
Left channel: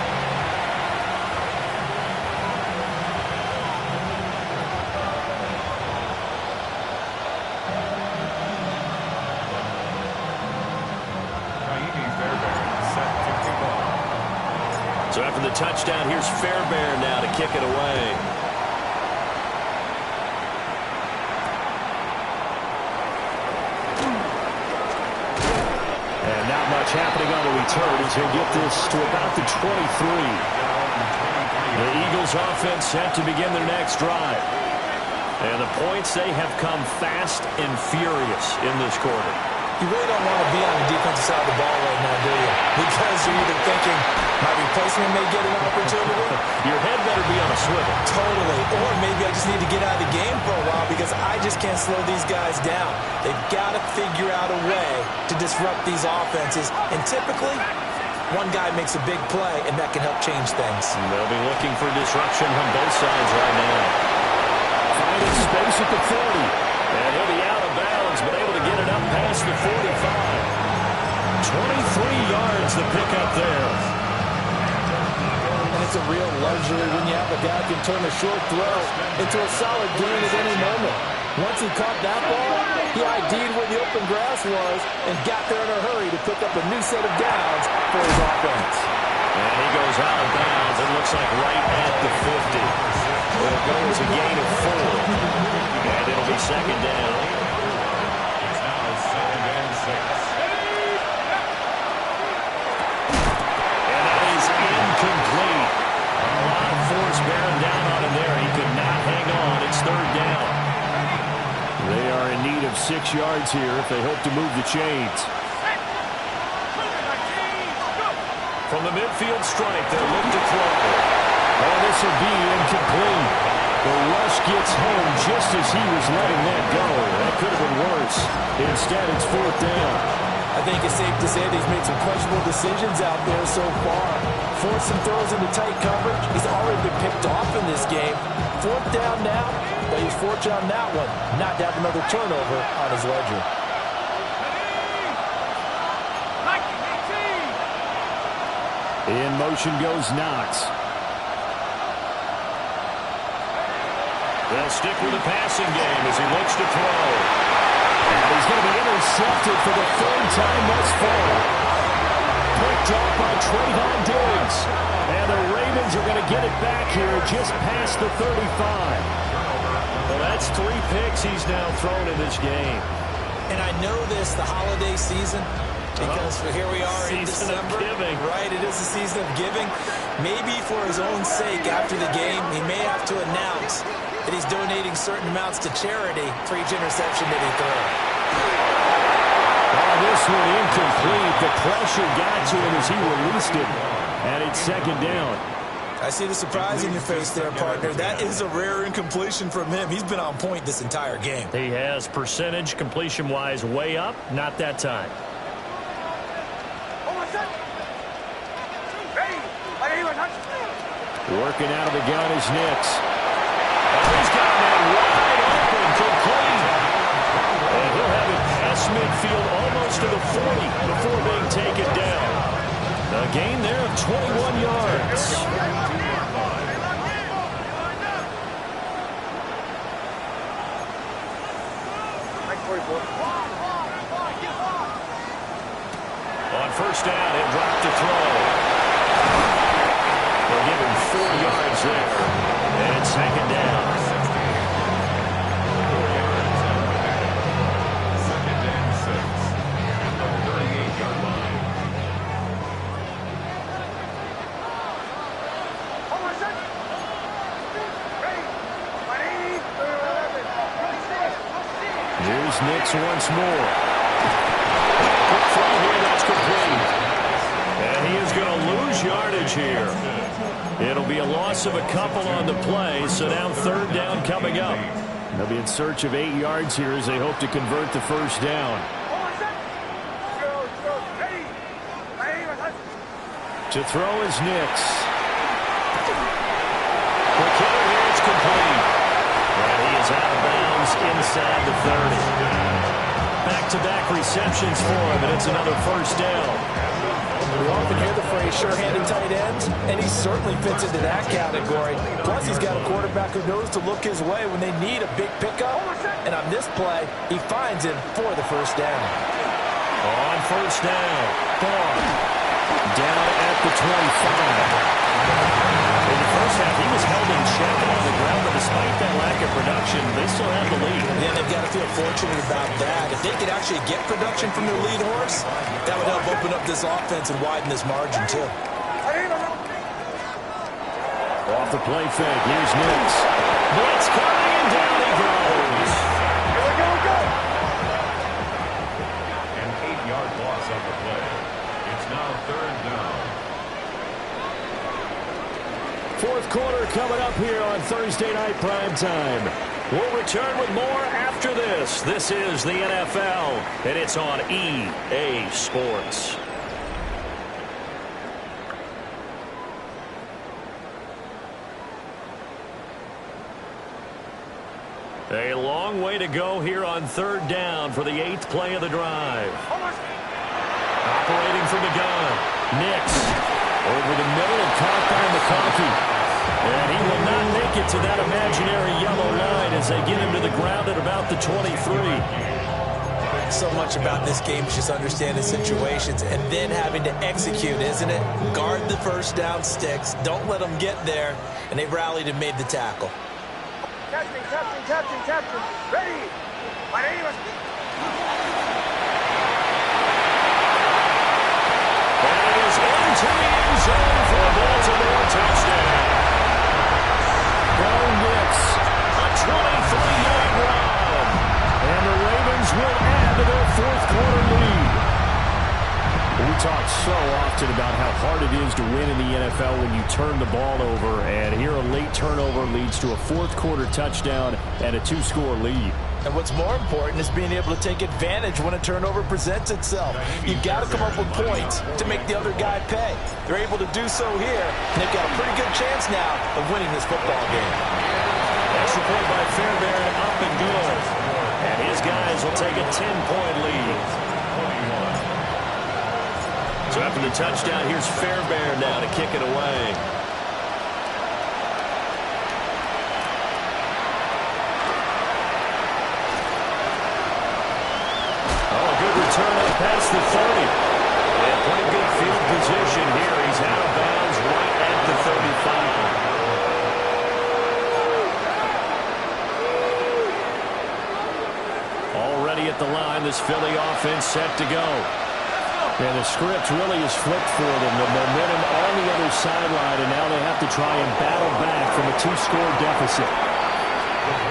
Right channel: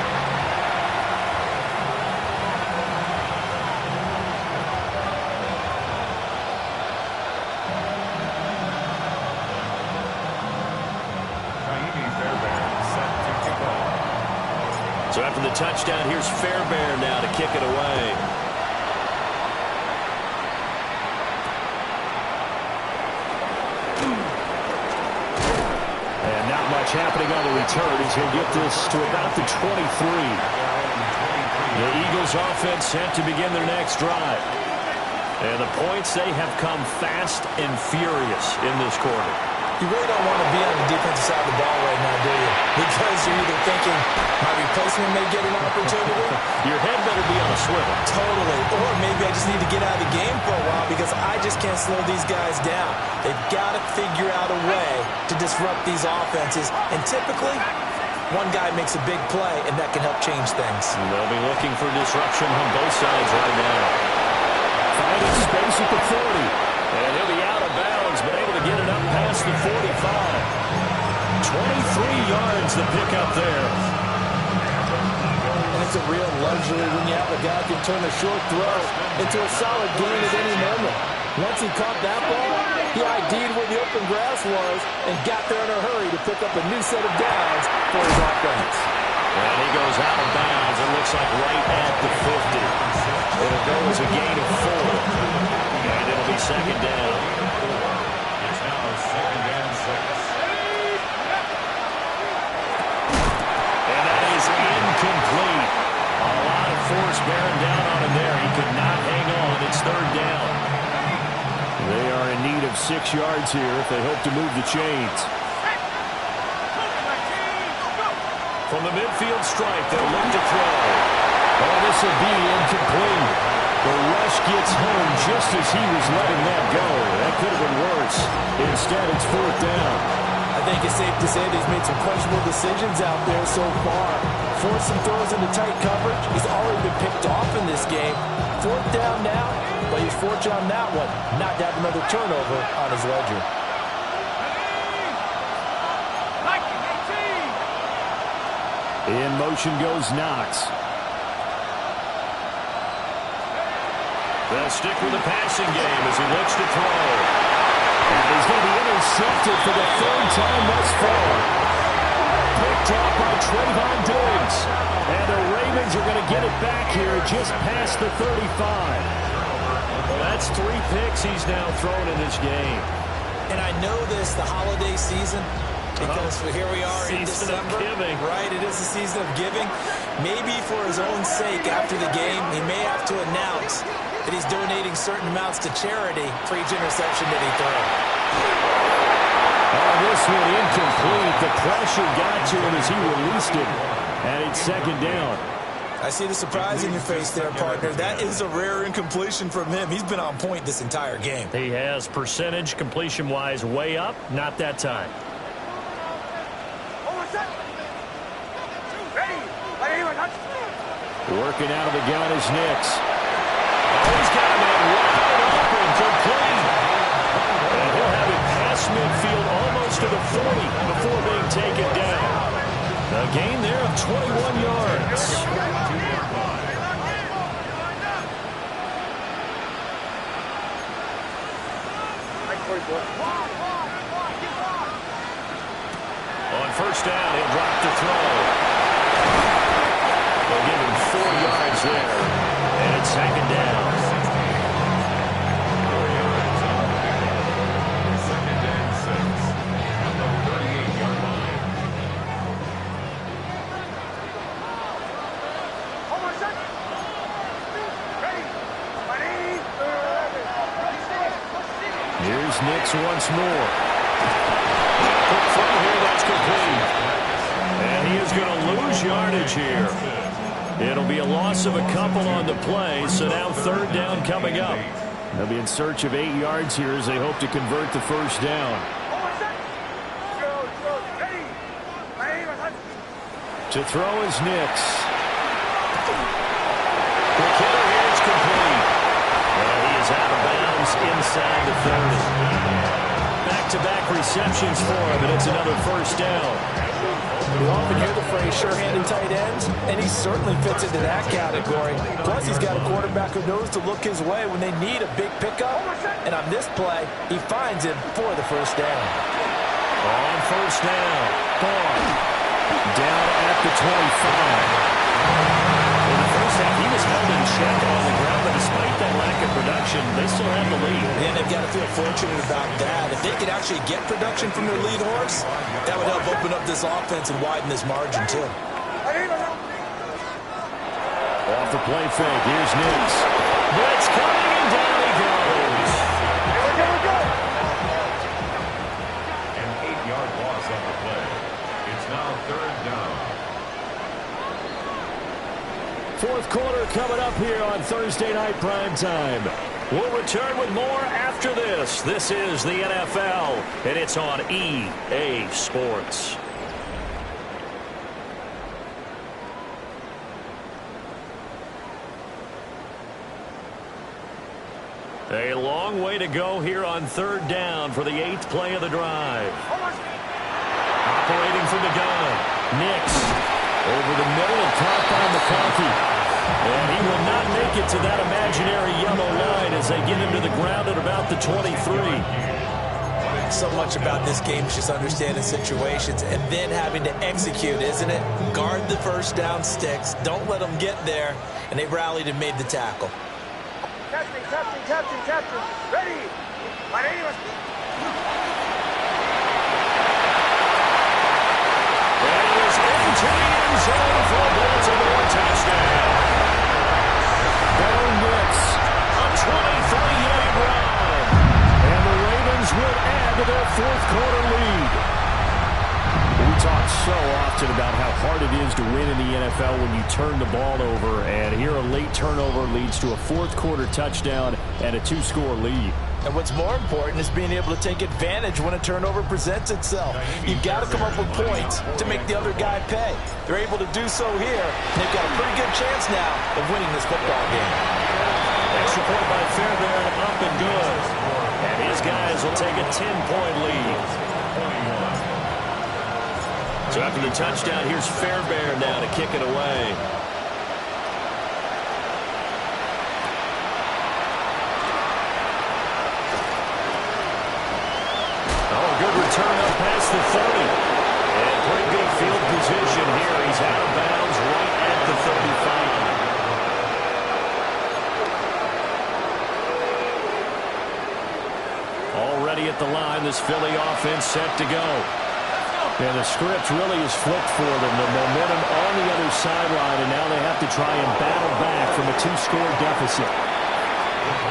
So after the touchdown, here's Fairbairn now to kick it away. And not much happening on the return as he'll get this to about the 23. The Eagles offense set to begin their next drive. And the points, they have come fast and furious in this quarter. You really don't want to be on the defensive side of the ball right now, do you? Because you're either thinking, my replacement may get an opportunity. Your head better be on a swivel. Totally. Or maybe I just need to get out of the game for a while because I just can't slow these guys down. They've got to figure out a way to disrupt these offenses. And typically, one guy makes a big play, and that can help change things. And they'll be looking for disruption on both sides right now. Finding space at the 40. And he'll be out of bounds, but able to get it up past the 45. 23 yards the pickup there. And it's a real luxury when you have a guy who can turn a short throw into a solid gain at any moment. Once he caught that ball, he ID'd where the open grass was and got there in a hurry to pick up a new set of downs for his offense. And he goes out of bounds. It looks like right at the 50. It'll go as a gain of 4. And it'll be second down. It's now second and 6. And that is incomplete. A lot of force bearing down on him there. He could not hang on. It's third down. They are in need of 6 yards here if they hope to move the chains. From the midfield stripe, they'll look to throw. Oh, this will be incomplete. The rush gets home just as he was letting that go. That could have been worse. Instead, it's fourth down. I think it's safe to say that he's made some questionable decisions out there so far. Forced some throws into tight coverage. He's already been picked off in this game. Fourth down now, but he's fortunate on that one. Not to have another turnover on his ledger. In motion goes Knox. They'll stick with the passing game as he looks to throw. And he's going to be intercepted for the third time thus far. Picked off by Trayvon Diggs. And the Ravens are going to get it back here just past the 35. Well, that's 3 picks he's now thrown in this game. And I know this, the holiday season, because here we are in December. Giving. Right, it is the season of giving. Maybe for his own sake after the game, he may have to announce that he's donating certain amounts to charity for each interception that he throws. Oh, this one incomplete. The pressure got to him as he released it. And it's second down. I see the surprise in your face there, partner. That is a rare incompletion from him. He's been on point this entire game. He has percentage completion-wise way up. Not that time. Working out of the gun is Nix. Oh, he's got a man wide open, complete. And he'll have it past midfield almost to the 40 before being taken down. A gain there of 21 yards. On first down, he'll drop to throw. They'll give him 4 yards there. And it's second down. 4 yards on the pickup. Second and 6 at the 38-yard line. Here's Nix once more. Quick throw here, that's complete. And he is going to lose yardage here. It'll be a loss of a couple on the play, so now third down coming up. They'll be in search of 8 yards here as they hope to convert the first down. To throw is Nix. Quick hitter here, it's complete. And he is out of bounds inside the 30. Back-to-back receptions for him, and it's another first down. We often hear the phrase sure-handed tight ends, and he certainly fits into that category. Plus, he's got a quarterback who knows to look his way when they need a big pickup. And on this play, he finds him for the first down. On first down, Barr down at the 25. In the first half, he was held in check and on the ground, but despite that lack of production, they still have the lead. And they've got to feel fortunate about that. If they could actually get production from their lead horse, that would help open up this offense and widen this margin, too. Off the play fake, here's Nix. Blitz coming, and down he goes. An 8-yard loss on the play. It's now third down. Fourth quarter coming up here on Thursday Night Primetime. We'll return with more after this. This is the NFL, and it's on EA Sports. A long way to go here on third down for the 8th play of the drive. Operating from the gun, Nix. Over the middle and caught by McConkey. And he will not make it to that imaginary yellow line as they get him to the ground at about the 23. So much about this game is just understanding situations and then having to execute, isn't it? Guard the first down sticks. Don't let them get there. And they rallied and made the tackle. Captain. Ready. My name is... And he is into the end zone for a Baltimore touchdown. Bo Nix, a 23-yard run. And the Ravens will add to their fourth quarter lead. We talk so often about how hard it is to win in the NFL when you turn the ball over. And here a late turnover leads to a fourth quarter touchdown and a 2-score lead. And what's more important is being able to take advantage when a turnover presents itself. You've got to come up with points to make the other guy pay. They're able to do so here, and they've got a pretty good chance now of winning this football game. Extra point by Fairbairn, up and good. And his guys will take a 10-point lead. So after the touchdown, here's Fairbairn now to kick it away. Oh, good return up past the 30. And pretty good field position here. He's out of bounds right at the 35. ready at the line. This Philly offense set to go. And the script really is flipped for them. The momentum on the other sideline, and now they have to try and battle back from a 2-score deficit.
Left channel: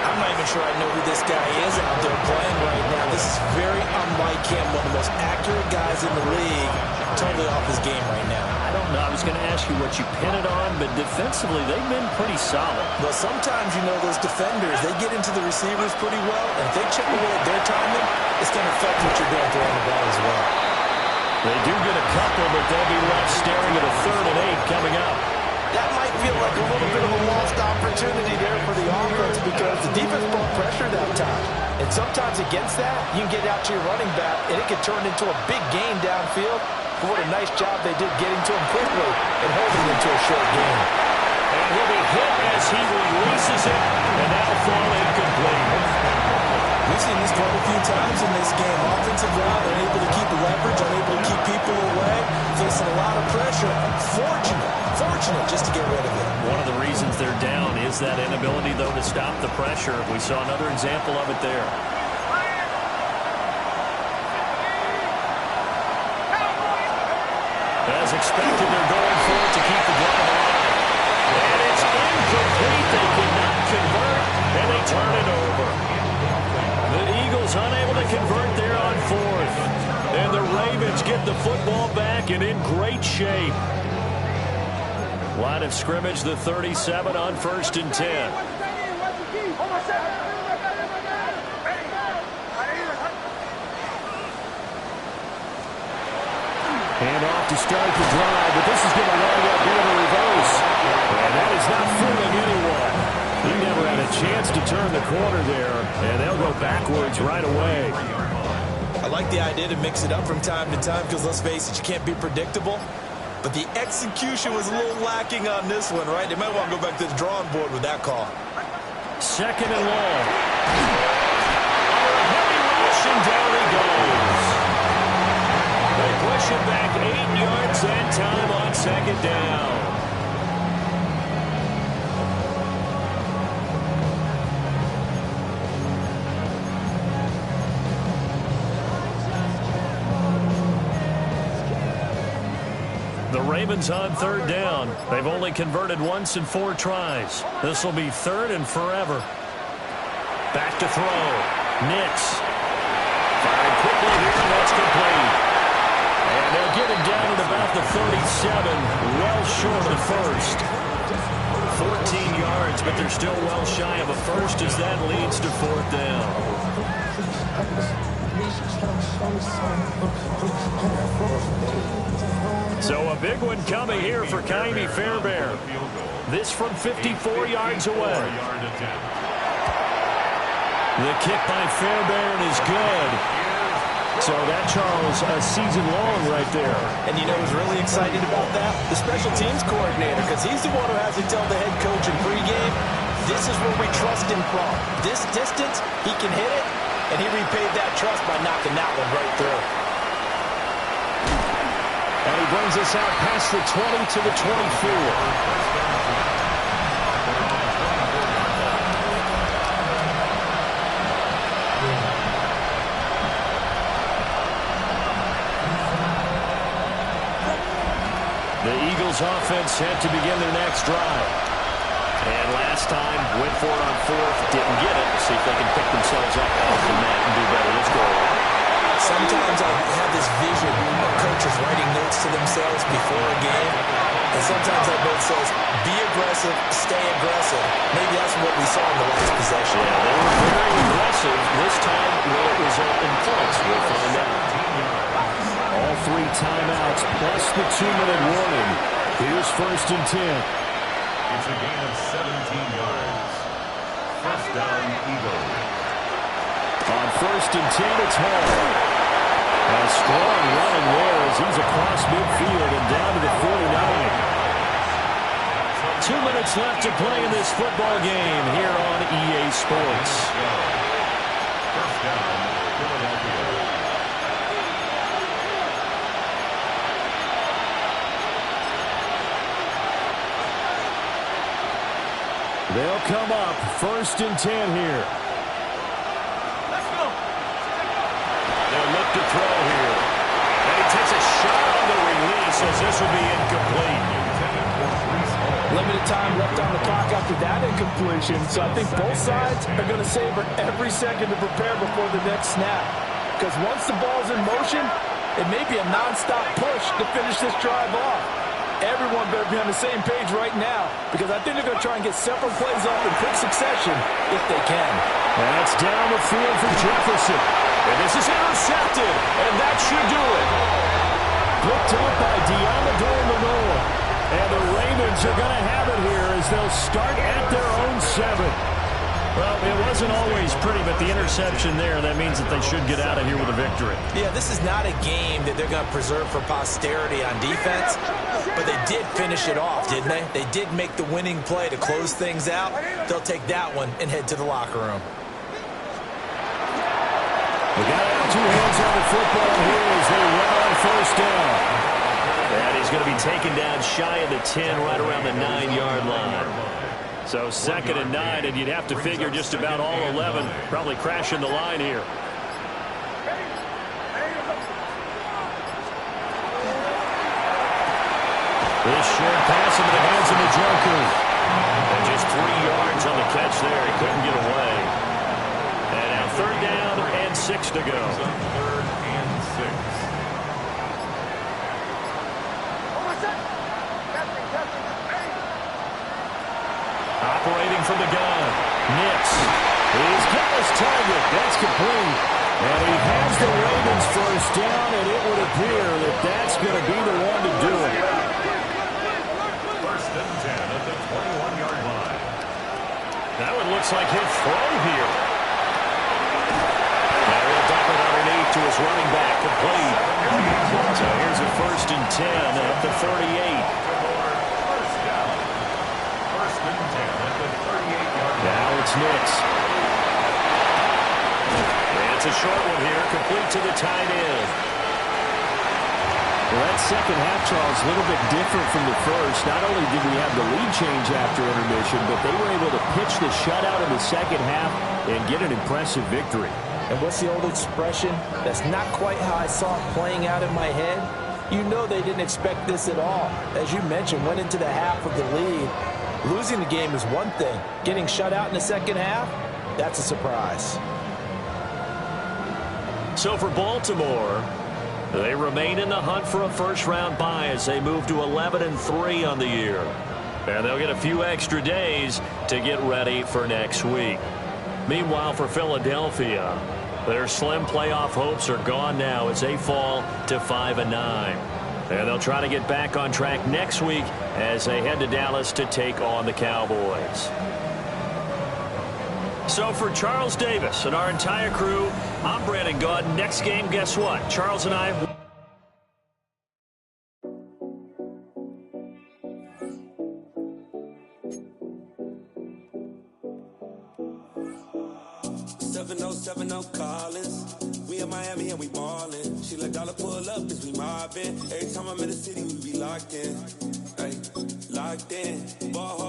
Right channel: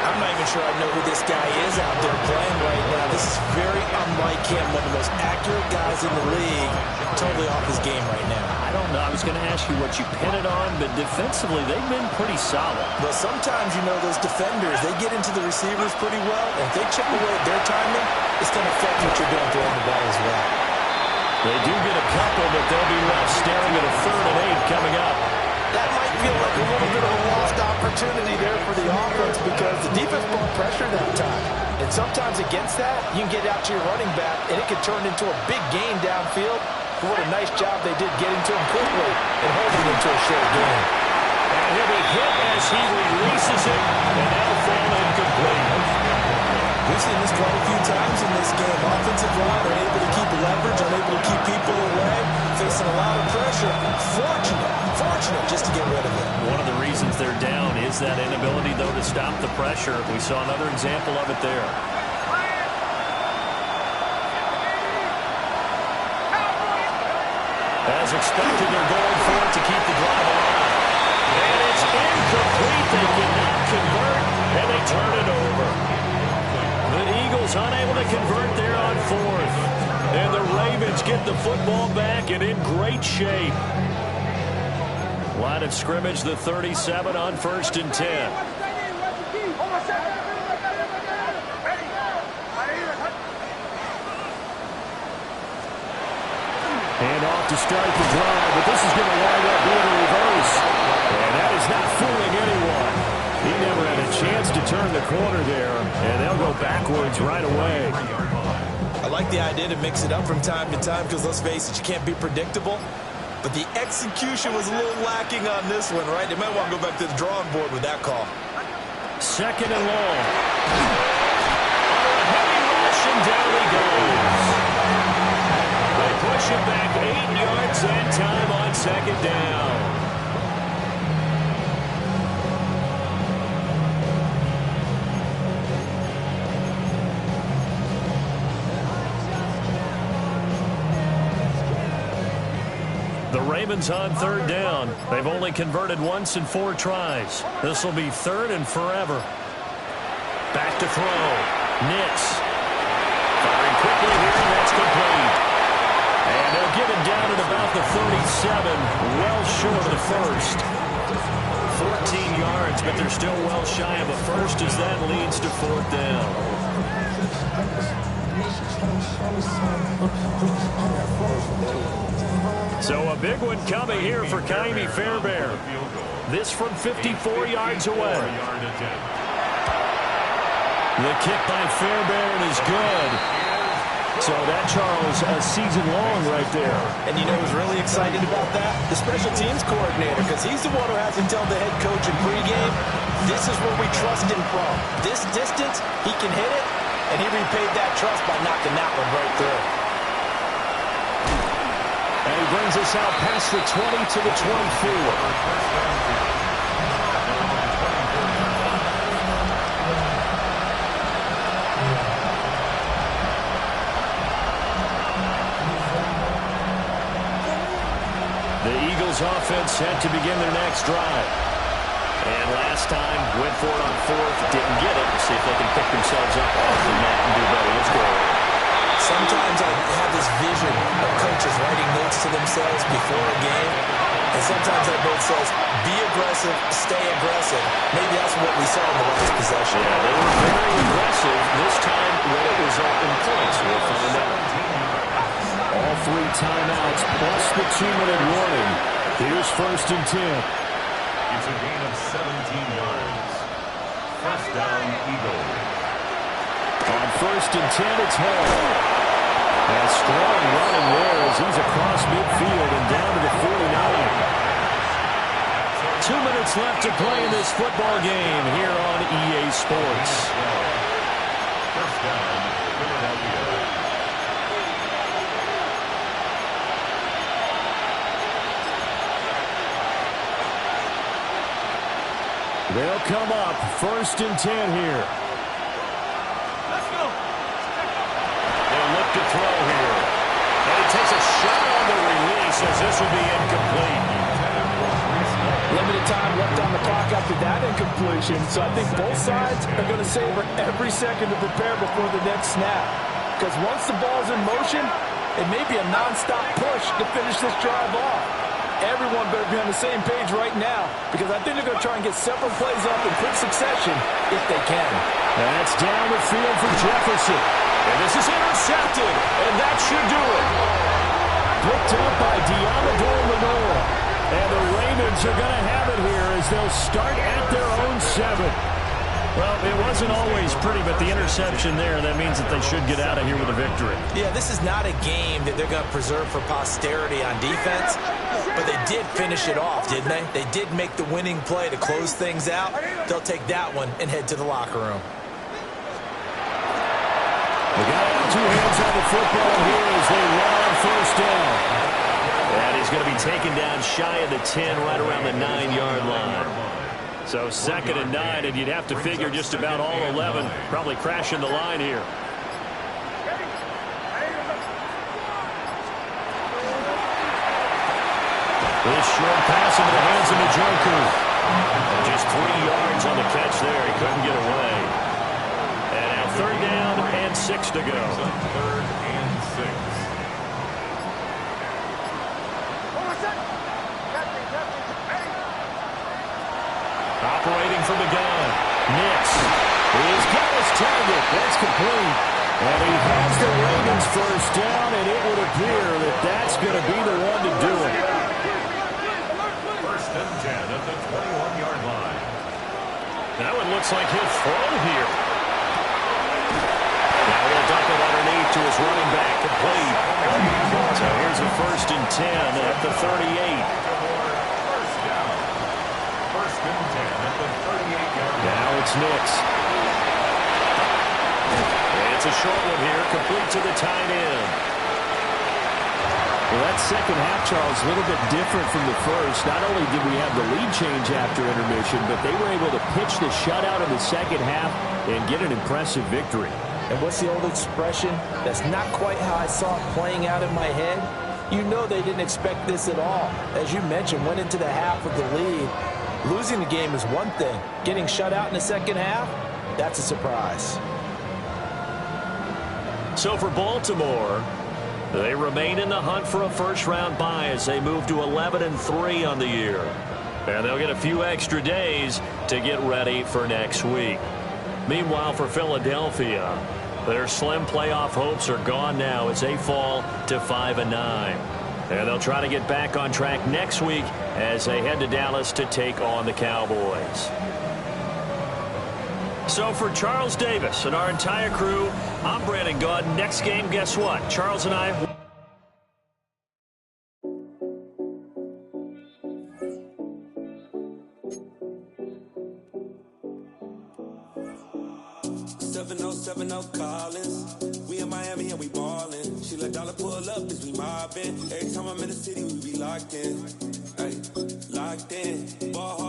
I'm not even sure I know who this guy is out there playing right now. This is very unlike him, one of the most accurate guys in the league. Totally off his game right now. I don't know. I was going to ask you what you pin it on, but defensively, they've been pretty solid. Well, sometimes, you know, those defenders, they get into the receivers pretty well, and if they chip away at their timing, it's going to affect what you're doing throwing the ball as well. They do get a couple, but they'll be left staring at a 3rd and 8 coming up. That might feel like a little bit of a lost opportunity there for the offense because the defense brought pressure that time. And sometimes against that, you can get out to your running back, and it can turn into a big gain downfield. But what a nice job they did getting to him quickly and holding him to a short gain. And he'll be hit as he releases it, and that'll fall incomplete. We've seen this quite a few times in this game. Offensive line unable to keep leverage, unable to keep people away, facing a lot of pressure. Fortunate just to get rid of it. One of the reasons they're down is that inability, though, to stop the pressure. We saw another example of it there. As expected, they're going for it to keep the drive alive. And it's incomplete. They cannot convert, and they turn it over. The Eagles unable to convert there on 4th. And the Ravens get the football back and in great shape. Line of scrimmage, the 37 on 1st and 10. Hand off to start the drive, but this is going to wind up being a reverse. And that is not fooling anyone. He never had a chance to turn the corner there, and they'll go backwards right away. I like the idea to mix it up from time to time because, let's face it, you can't be predictable. But the execution was a little lacking on this one, right? They might want to go back to the drawing board with that call. 2nd and long. Under a heavy rush, and down he goes. They push him back 8 yards and time on 2nd down. The Ravens on 3rd down. They've only converted once in 4 tries. This will be 3rd and forever. Back to throw. Nix. Firing quickly here, and that's complete. And they'll get him down at about the 37, well short of the first. 14 yards, but they're still well shy of a first as that leads to 4th down. So a big one coming here for Ka'imi Fairbairn. This from 54 yards away. The kick by Fairbairn is good. So that, Charles, a season long right there. And you know who's really excited about that? The special teams coordinator, because he's the one who has to tell the head coach in pregame, this is where we trust him from. This distance, he can hit it, and he repaid that trust by knocking that one right through. And he brings us out past the 20 to the 24. The Eagles offense set to begin their next drive. And last time, went for it on 4th, didn't get it. Let's see if they can pick themselves up off the mat and do better. Let's go. Sometimes I have this vision of coaches writing notes to themselves before a game. And sometimes that note says, be aggressive, stay aggressive. Maybe that's what we saw in the last possession. Yeah, they were very aggressive. This time, will it result in points? We'll find out. All 3 timeouts plus the 2-minute warning. Here's 1st and 10. It's a gain of 17 yards. 1st down, Eagles. On 1st and 10, it's Hall. And strong running there as he's across midfield and down to the 49. 2 minutes left to play in this football game here on EA Sports. 1st down, Philadelphia. They'll come up 1st and 10 here. Let's go. They'll look to throw here. And he takes a shot on the release as this will be incomplete. Limited time left on the clock after that incompletion, so I think both sides are going to savor every second to prepare before the next snap. Because once the ball's in motion, it may be a nonstop push to finish this drive off. Everyone better be on the same page right now, because I think they're going to try and get several plays off in quick succession if they can. That's down the field for Jefferson. And this is intercepted, and that should do it. Picked up by Diamador Lenore. And the Ravens are going to have it here as they'll start at their own 7. Well, it wasn't always pretty, but the interception there, that means that they should get out of here with a victory. Yeah, this is not a game that they're going to preserve for posterity on defense, but they did finish it off, didn't they? They did make the winning play to close things out. They'll take that one and head to the locker room. They got to have two hands on the football here as they run on first down. And he's going to be taken down shy of the 10, right around the 9-yard line. So 2nd and 9, and you'd have to figure just about all 11 probably crashing the line here. This short pass into the hands of Njoku. And just 3 yards on the catch there. He couldn't get away. And now 3rd down and 6 to go. 3rd and 6. Operating from the gun. Nix. He's got his target. That's complete. And he has the Ravens first down, and it would appear that that's going to be the one to do it. 1st and 10 at the 21-yard line. That one looks like he'll throw here. Now he'll dump it underneath to his running back, complete. So here's a 1st and 10 at the 38. Now it's Nix. And it's a short one here, complete to the tight end. Well, that second half, Charles, a little bit different from the first. Not only did we have the lead change after intermission, but they were able to pitch the shutout in the second half and get an impressive victory. And what's the old expression? That's not quite how I saw it playing out in my head. You know they didn't expect this at all. As you mentioned, went into the half with the lead. Losing the game is one thing. Getting shut out in the second half, that's a surprise. So for Baltimore, they remain in the hunt for a first-round bye as they move to 11-3 on the year. And they'll get a few extra days to get ready for next week. Meanwhile, for Philadelphia, their slim playoff hopes are gone now as they fall to 5-9. And they'll try to get back on track next week as they head to Dallas to take on the Cowboys. So for Charles Davis and our entire crew, I'm Brandon Gaud. Next game, guess what? Charles and I... Collins. We in Miami and we ballin'. She let dollar pull up cause we mobbin'. Every time I'm in the city we be locked in. Ay, locked in. Ball hard.